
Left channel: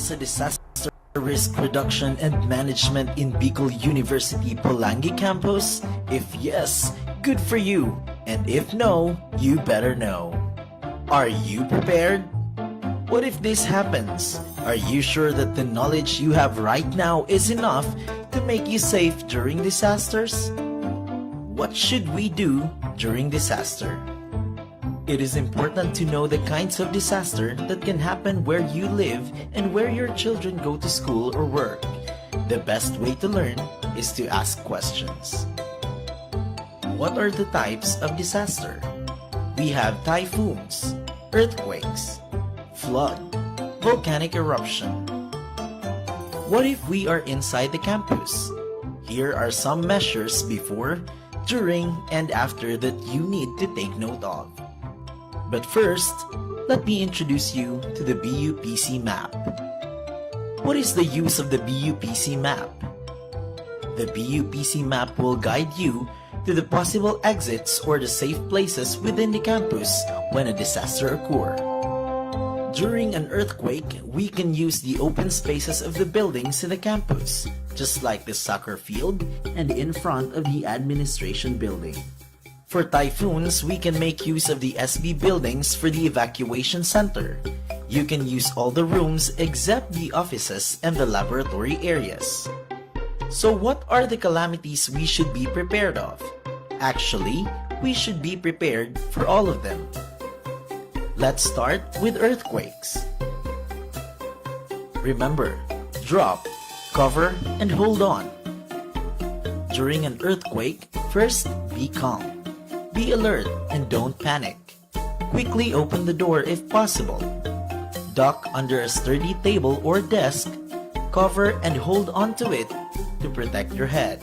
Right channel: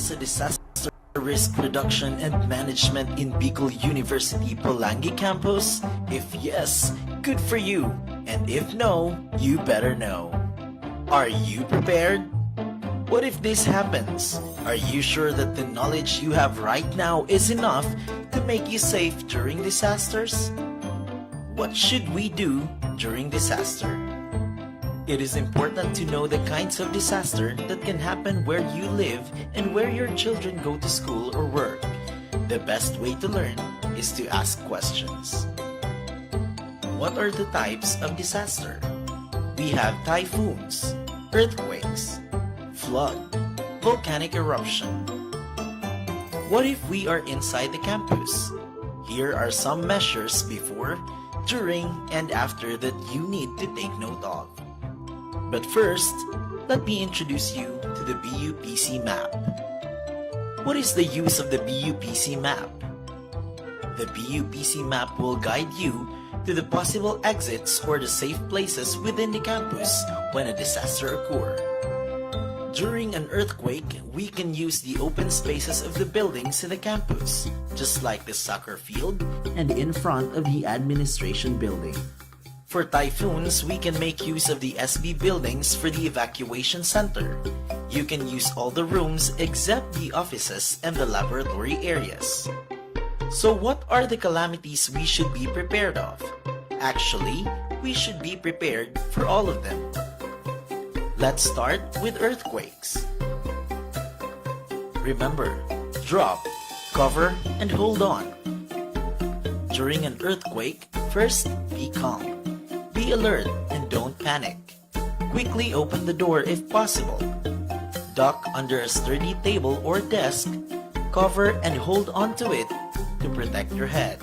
is a disaster risk reduction and management in Bicol University Polangi campus? If yes, good for you. And if no, you better know. Are you prepared? What if this happens? Are you sure that the knowledge you have right now is enough to make you safe during disasters? What should we do during disaster? It is important to know the kinds of disaster that can happen where you live and where your children go to school or work. The best way to learn is to ask questions. What are the types of disaster? We have typhoons, earthquakes, flood, volcanic eruption. What if we are inside the campus? Here are some measures before, during, and after that you need to take note of. But first, let me introduce you to the BUPC map. What is the use of the BUPC map? The BUPC map will guide you to the possible exits or the safe places within the campus when a disaster occurs. During an earthquake, we can use the open spaces of the buildings in the campus, just like the soccer field and in front of the administration building. For typhoons, we can make use of the SB buildings for the evacuation center. You can use all the rooms except the offices and the laboratory areas. So what are the calamities we should be prepared of? Actually, we should be prepared for all of them. Let's start with earthquakes. Remember, drop, cover, and hold on. During an earthquake, first be calm. Be alert and don't panic. Quickly open the door if possible. Duck under a sturdy table or desk. Cover and hold onto it to protect your head.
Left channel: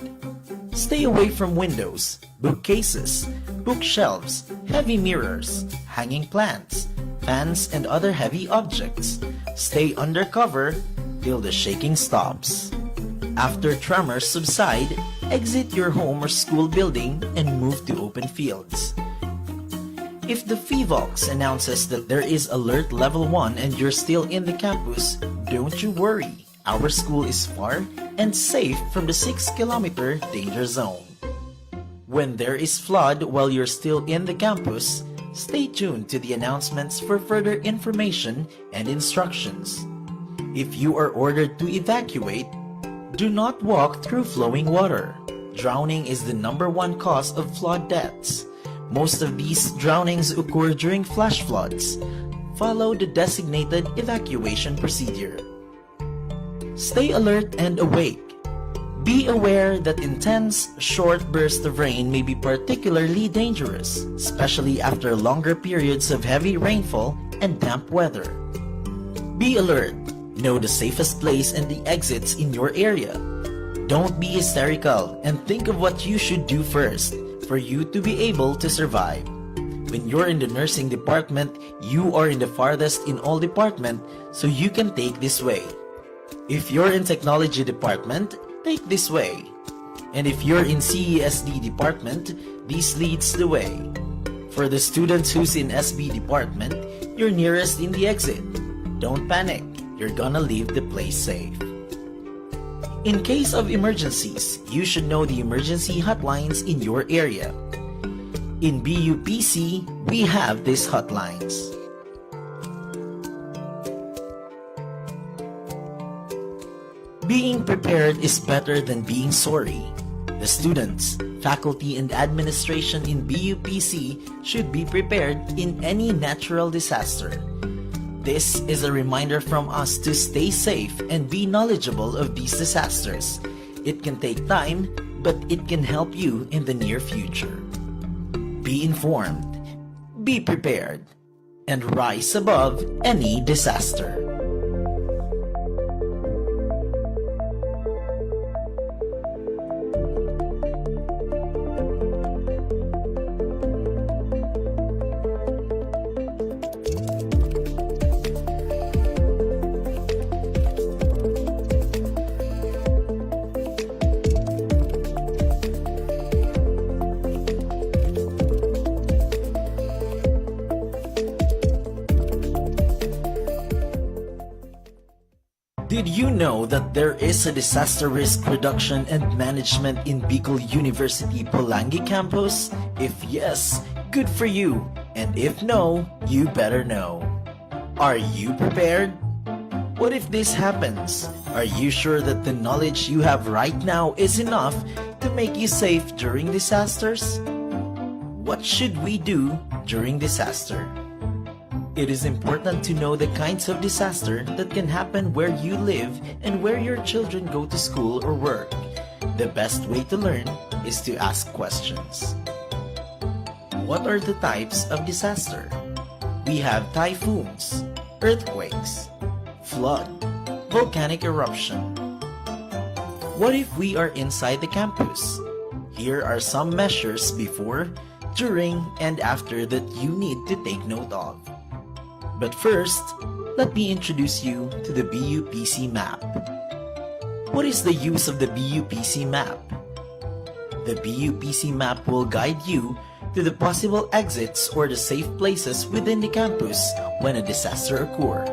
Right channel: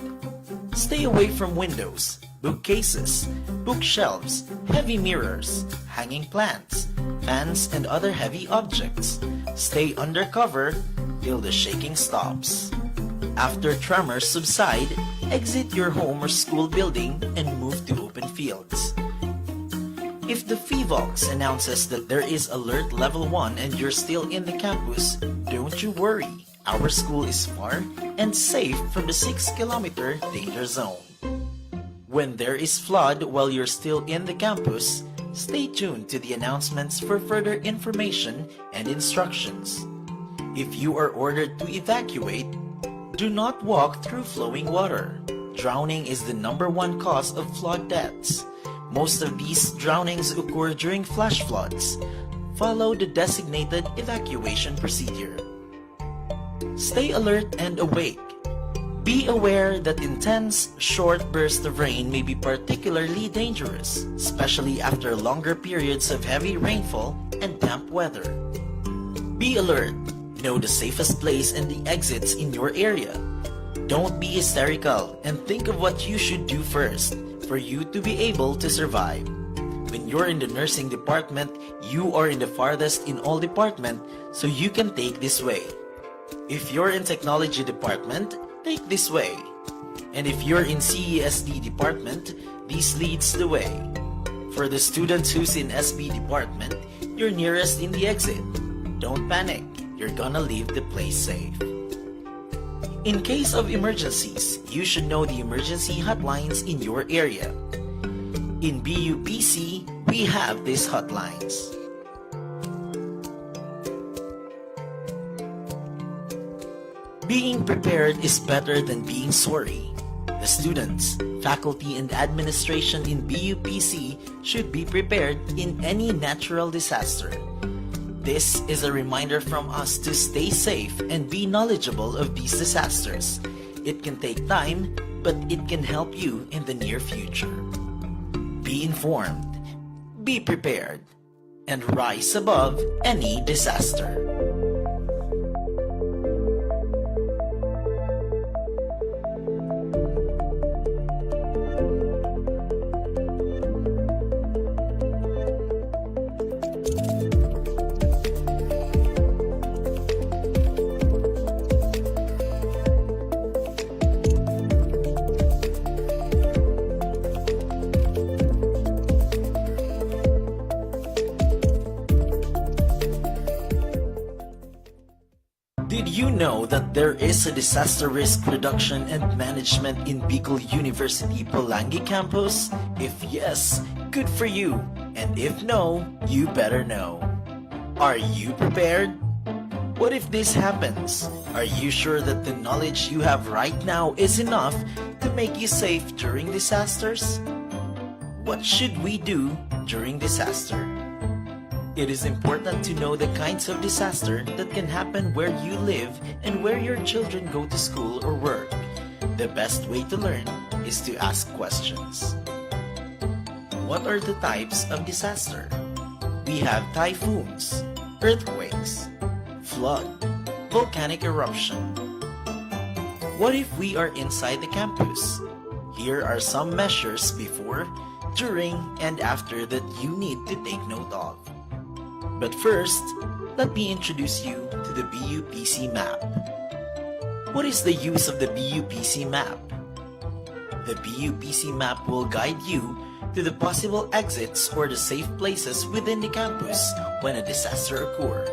Stay away from windows, bookcases, bookshelves, heavy mirrors, hanging plants, fans, and other heavy objects. Stay under cover till the shaking stops. After tremors subside, exit your home or school building and move to open fields. If the PHIVOLCS announces that there is alert level 1 and you're still in the campus, don't you worry. Our school is far and safe from the 6-kilometer danger zone. When there is flood while you're still in the campus, stay tuned to the announcements for further information and instructions. If you are ordered to evacuate, do not walk through flowing water. Drowning is the #1 cause of flood deaths. Most of these drownings occur during flash floods. Follow the designated evacuation procedure. Stay alert and awake. Be aware that intense, short bursts of rain may be particularly dangerous, especially after longer periods of heavy rainfall and damp weather. Be alert. Know the safest place and the exits in your area. Don't be hysterical and think of what you should do first for you to be able to survive. When you're in the nursing department, you are in the farthest in all department, so you can take this way. If you're in technology department, take this way. And if you're in CESD department, this leads the way. For the students who's in SB department, you're nearest in the exit. Don't panic. You're gonna leave the place safe. In case of emergencies, you should know the emergency hotlines in your area. In BUPC, we have these hotlines. Being prepared is better than being sorry. The students, faculty, and administration in BUPC should be prepared in any natural disaster. This is a reminder from us to stay safe and be knowledgeable of these disasters. It can take time, but it can help you in the near future. Be informed, be prepared, and rise above any disaster. Did you know that there is a disaster risk reduction and management in Bicol University Pulangi campus? If yes, good for you. And if no, you better know. Are you prepared? What if this happens? Are you sure that the knowledge you have right now is enough to make you safe during disasters? What should we do during disaster? It is important to know the kinds of disaster that can happen where you live and where your children go to school or work. The best way to learn is to ask questions. What are the types of disaster? We have typhoons, earthquakes, flood, volcanic eruption. What if we are inside the campus? Here are some measures before, during, and after that you need to take note of. But first, let me introduce you to the BUPC map. What is the use of the BUPC map? The BUPC map will guide you to the possible exits or the safe places within the campus when a disaster occurs.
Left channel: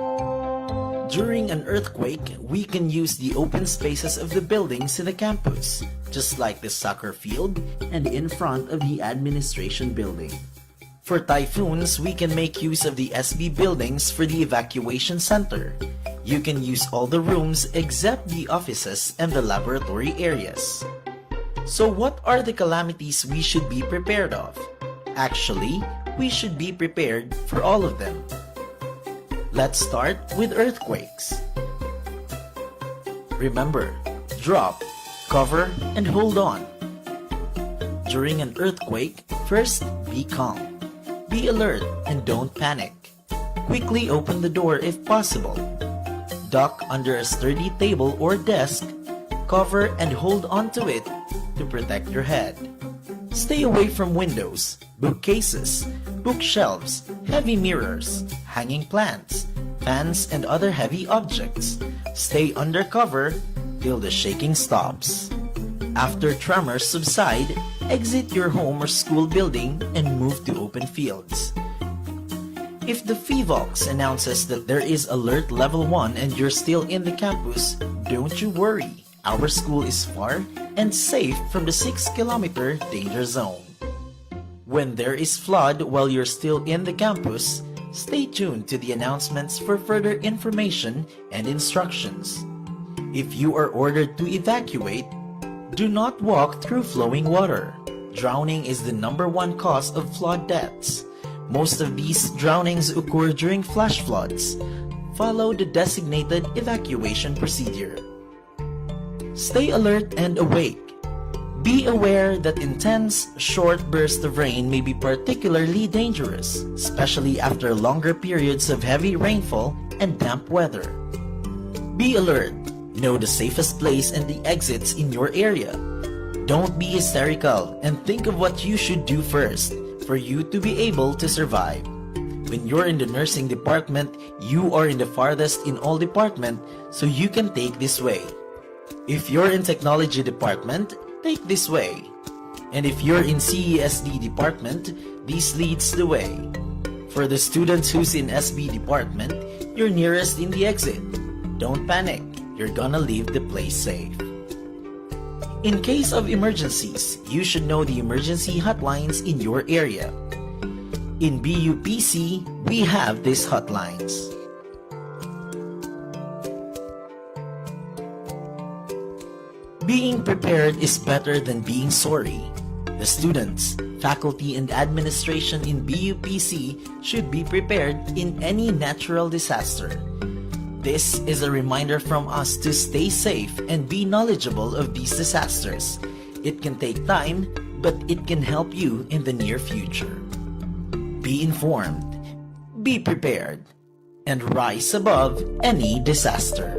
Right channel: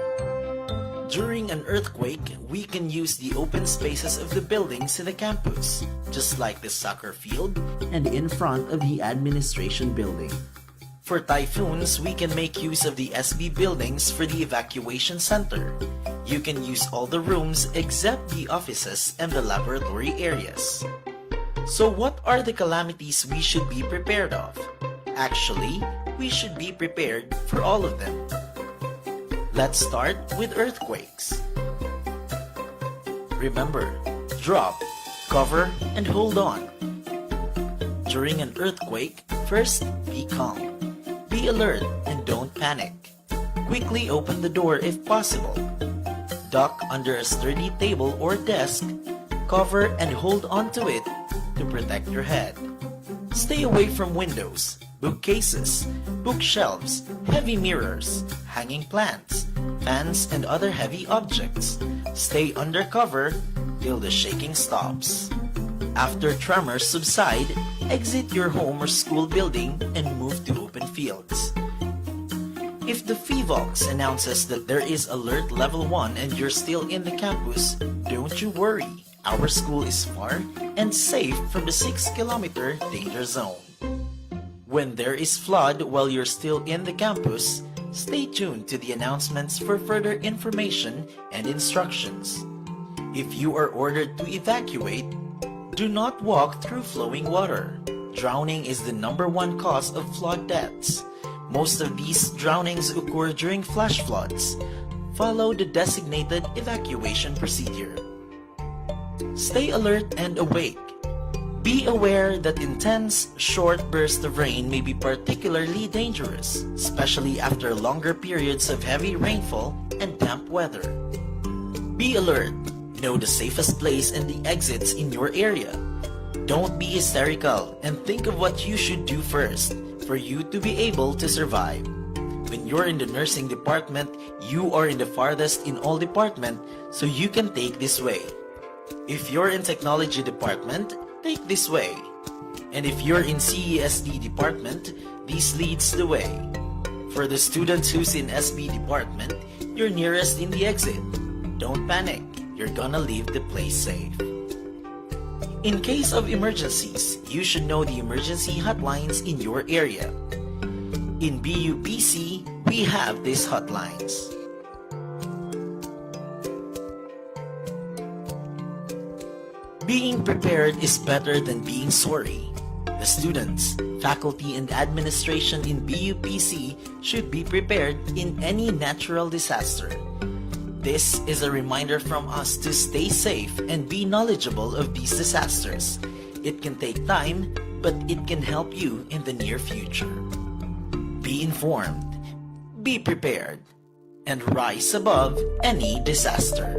During an earthquake, we can use the open spaces of the buildings in the campus, just like the soccer field and in front of the administration building. For typhoons, we can make use of the SB buildings for the evacuation center. You can use all the rooms except the offices and the laboratory areas. So what are the calamities we should be prepared of? Actually, we should be prepared for all of them. Let's start with earthquakes. Remember, drop, cover, and hold on. During an earthquake, first be calm. Be alert and don't panic. Quickly open the door if possible. Duck under a sturdy table or desk. Cover and hold onto it to protect your head. Stay away from windows, bookcases, bookshelves, heavy mirrors, hanging plants, fans, and other heavy objects. Stay under cover till the shaking stops. After tremors subside, exit your home or school building and move to open fields. If the PHIVOLCS announces that there is alert level 1 and you're still in the campus, don't you worry. Our school is far and safe from the 6-kilometer danger zone. When there is flood while you're still in the campus, stay tuned to the announcements for further information and instructions. If you are ordered to evacuate, do not walk through flowing water. Drowning is the #1 cause of flood deaths. Most of these drownings occur during flash floods. Follow the designated evacuation procedure. Stay alert and awake. Be aware that intense, short bursts of rain may be particularly dangerous, especially after longer periods of heavy rainfall and damp weather. Be alert. Know the safest place and the exits in your area. Don't be hysterical and think of what you should do first for you to be able to survive. When you're in the nursing department, you are in the farthest in all department, so you can take this way. If you're in technology department, take this way. And if you're in CESD department, this leads the way. For the students who's in SB department, you're nearest in the exit. Don't panic. You're gonna leave the place safe. In case of emergencies, you should know the emergency hotlines in your area. In BUPC, we have these hotlines. Being prepared is better than being sorry. The students, faculty, and administration in BUPC should be prepared in any natural disaster. This is a reminder from us to stay safe and be knowledgeable of these disasters. It can take time, but it can help you in the near future. Be informed, be prepared, and rise above any disaster.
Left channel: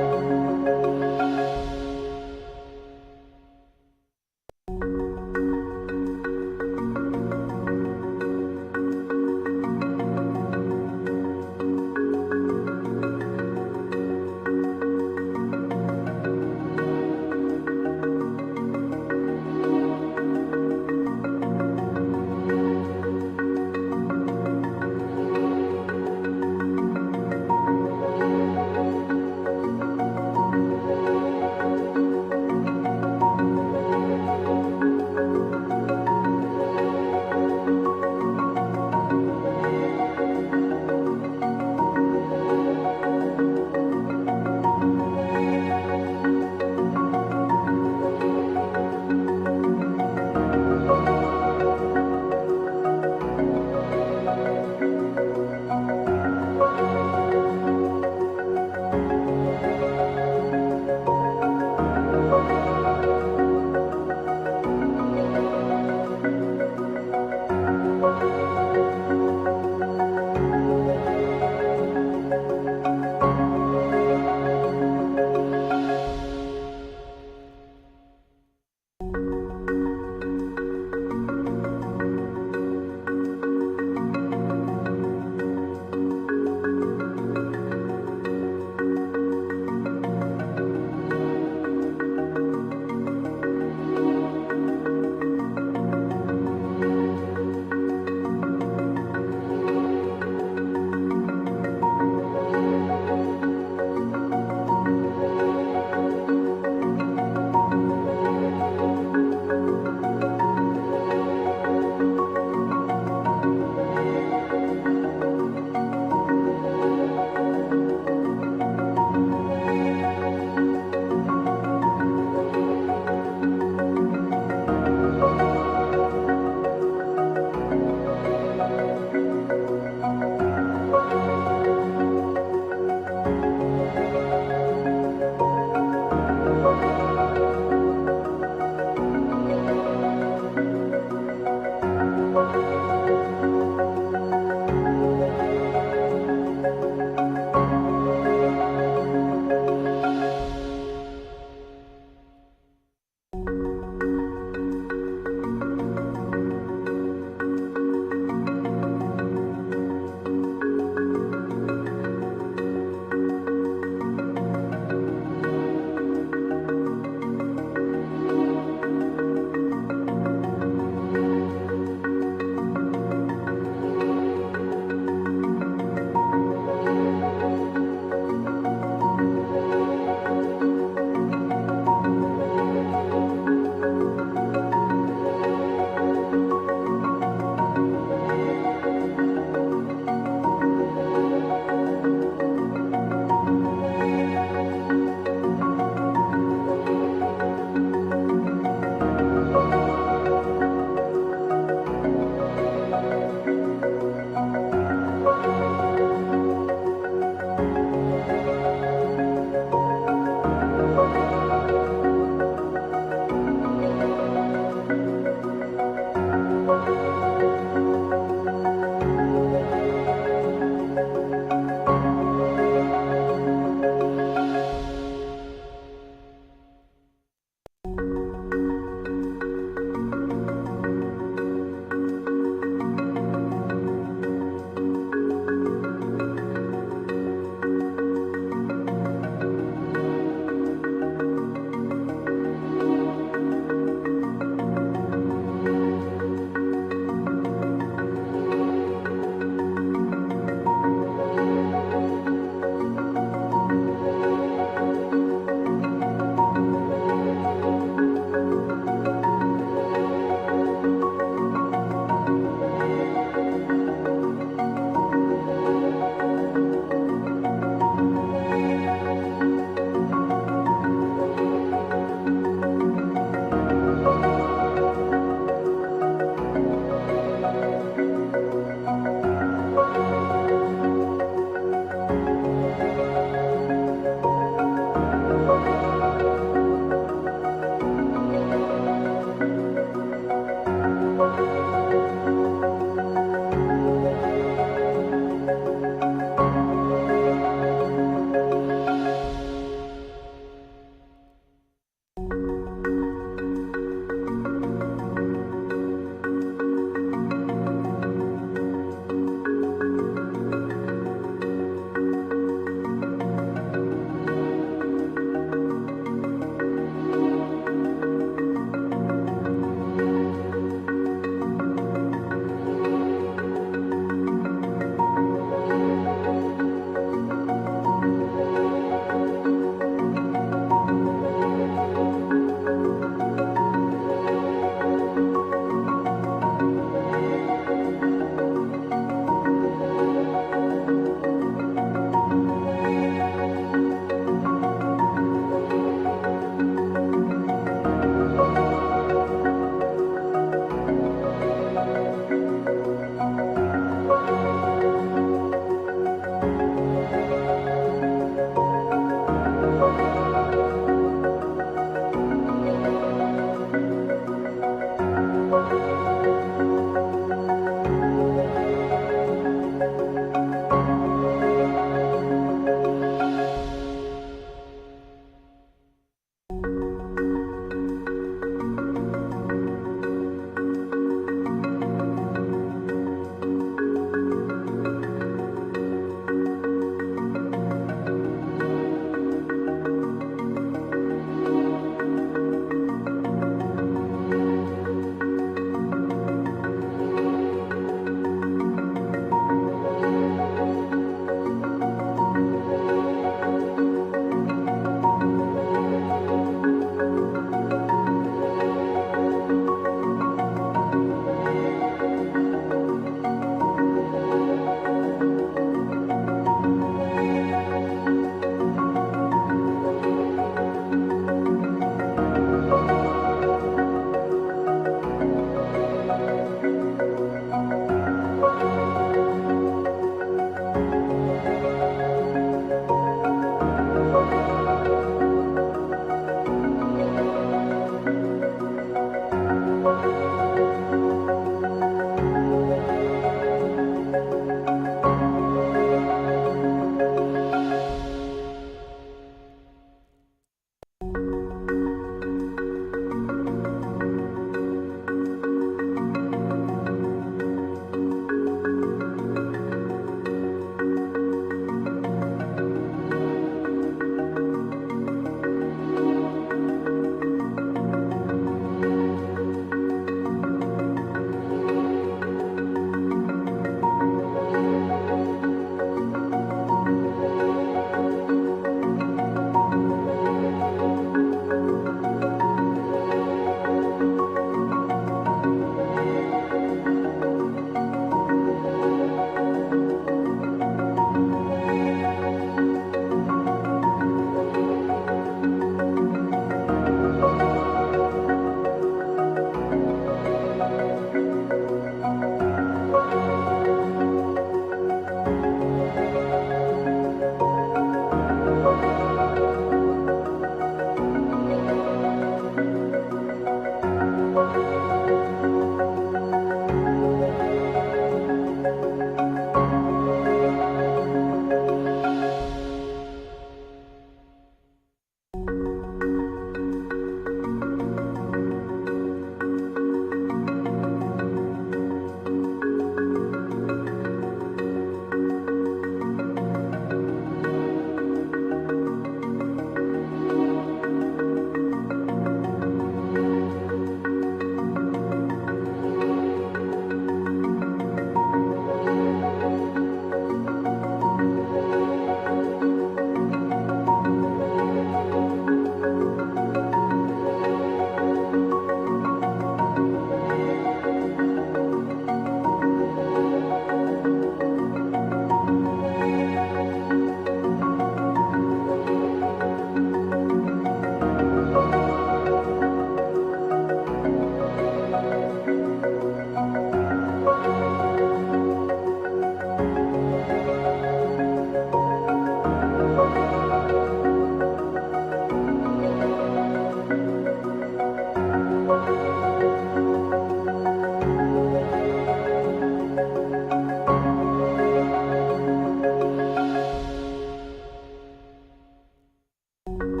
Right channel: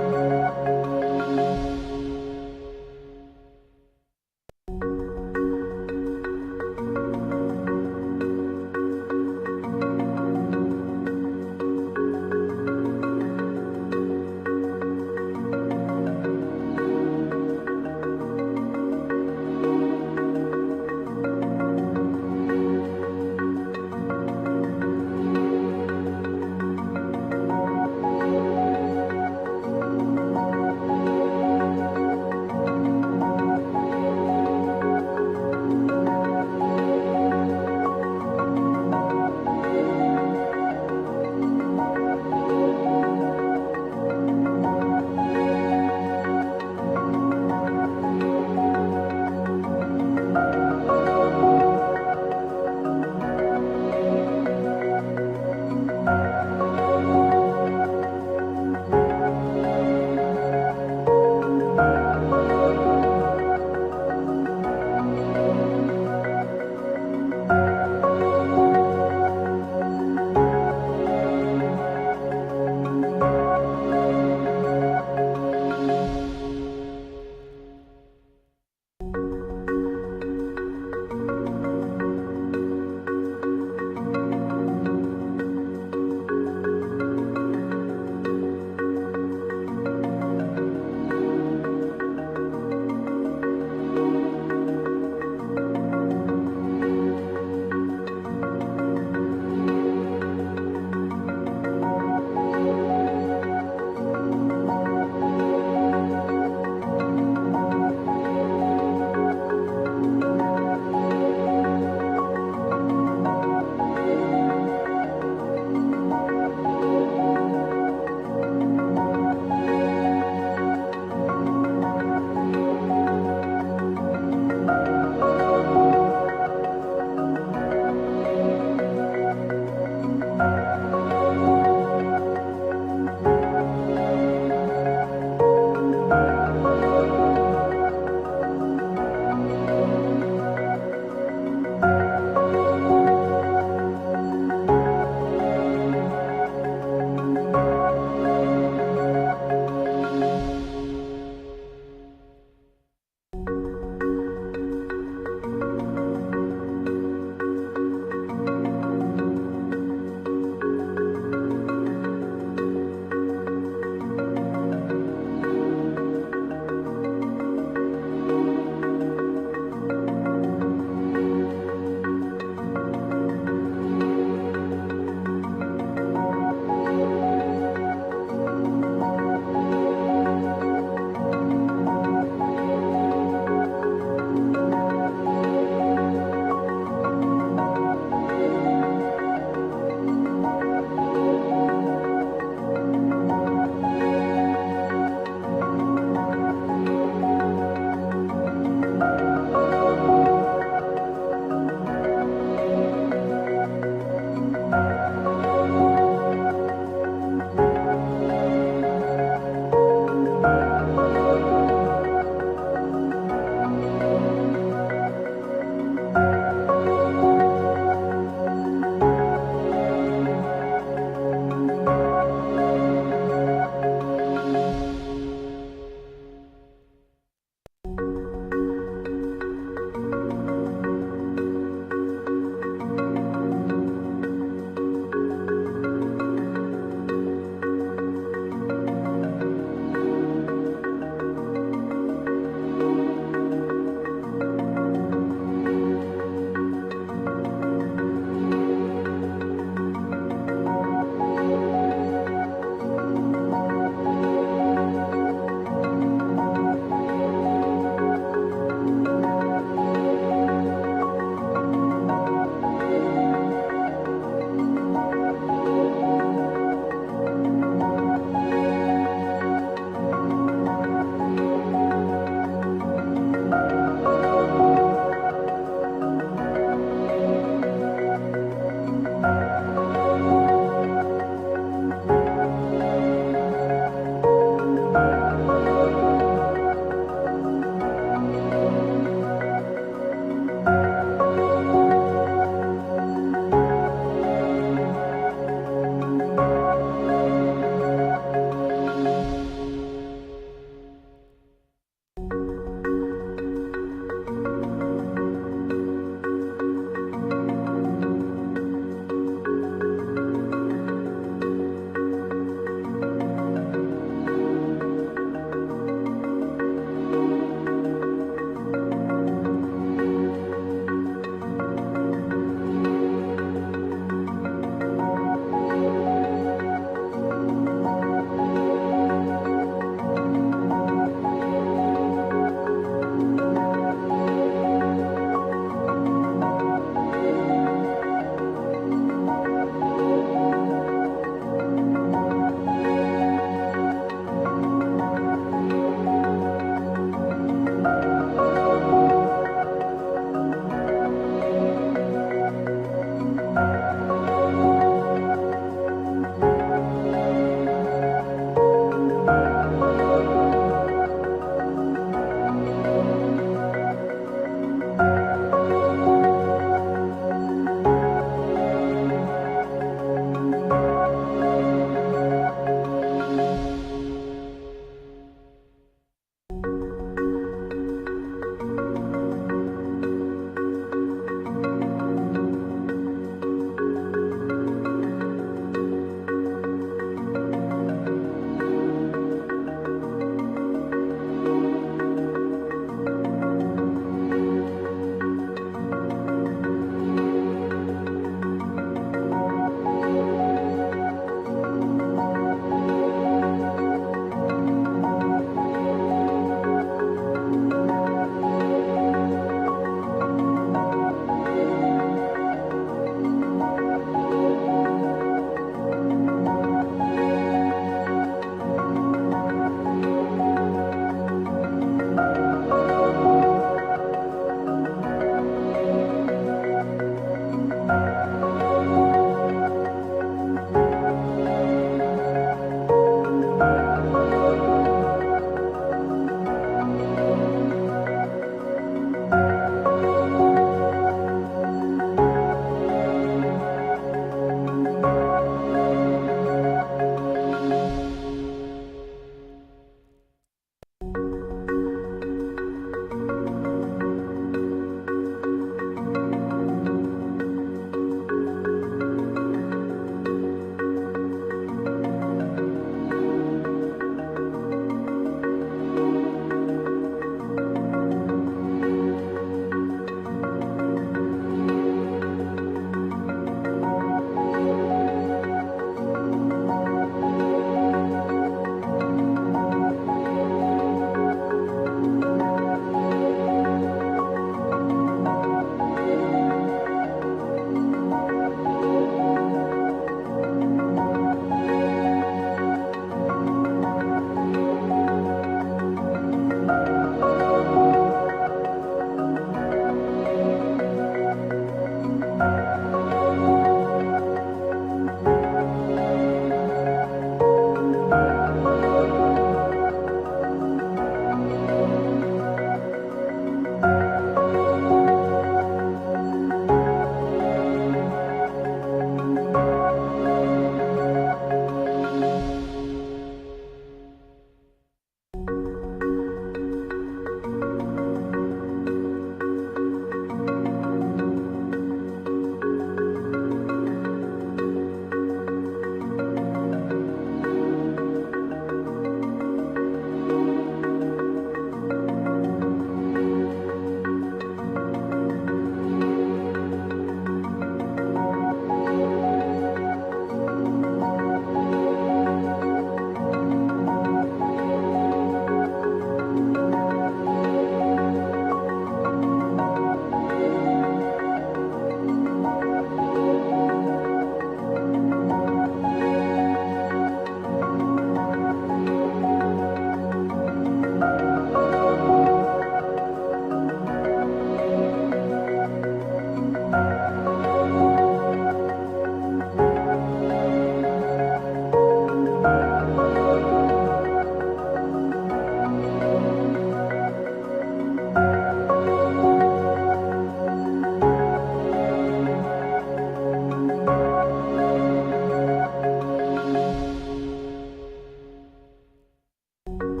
Thank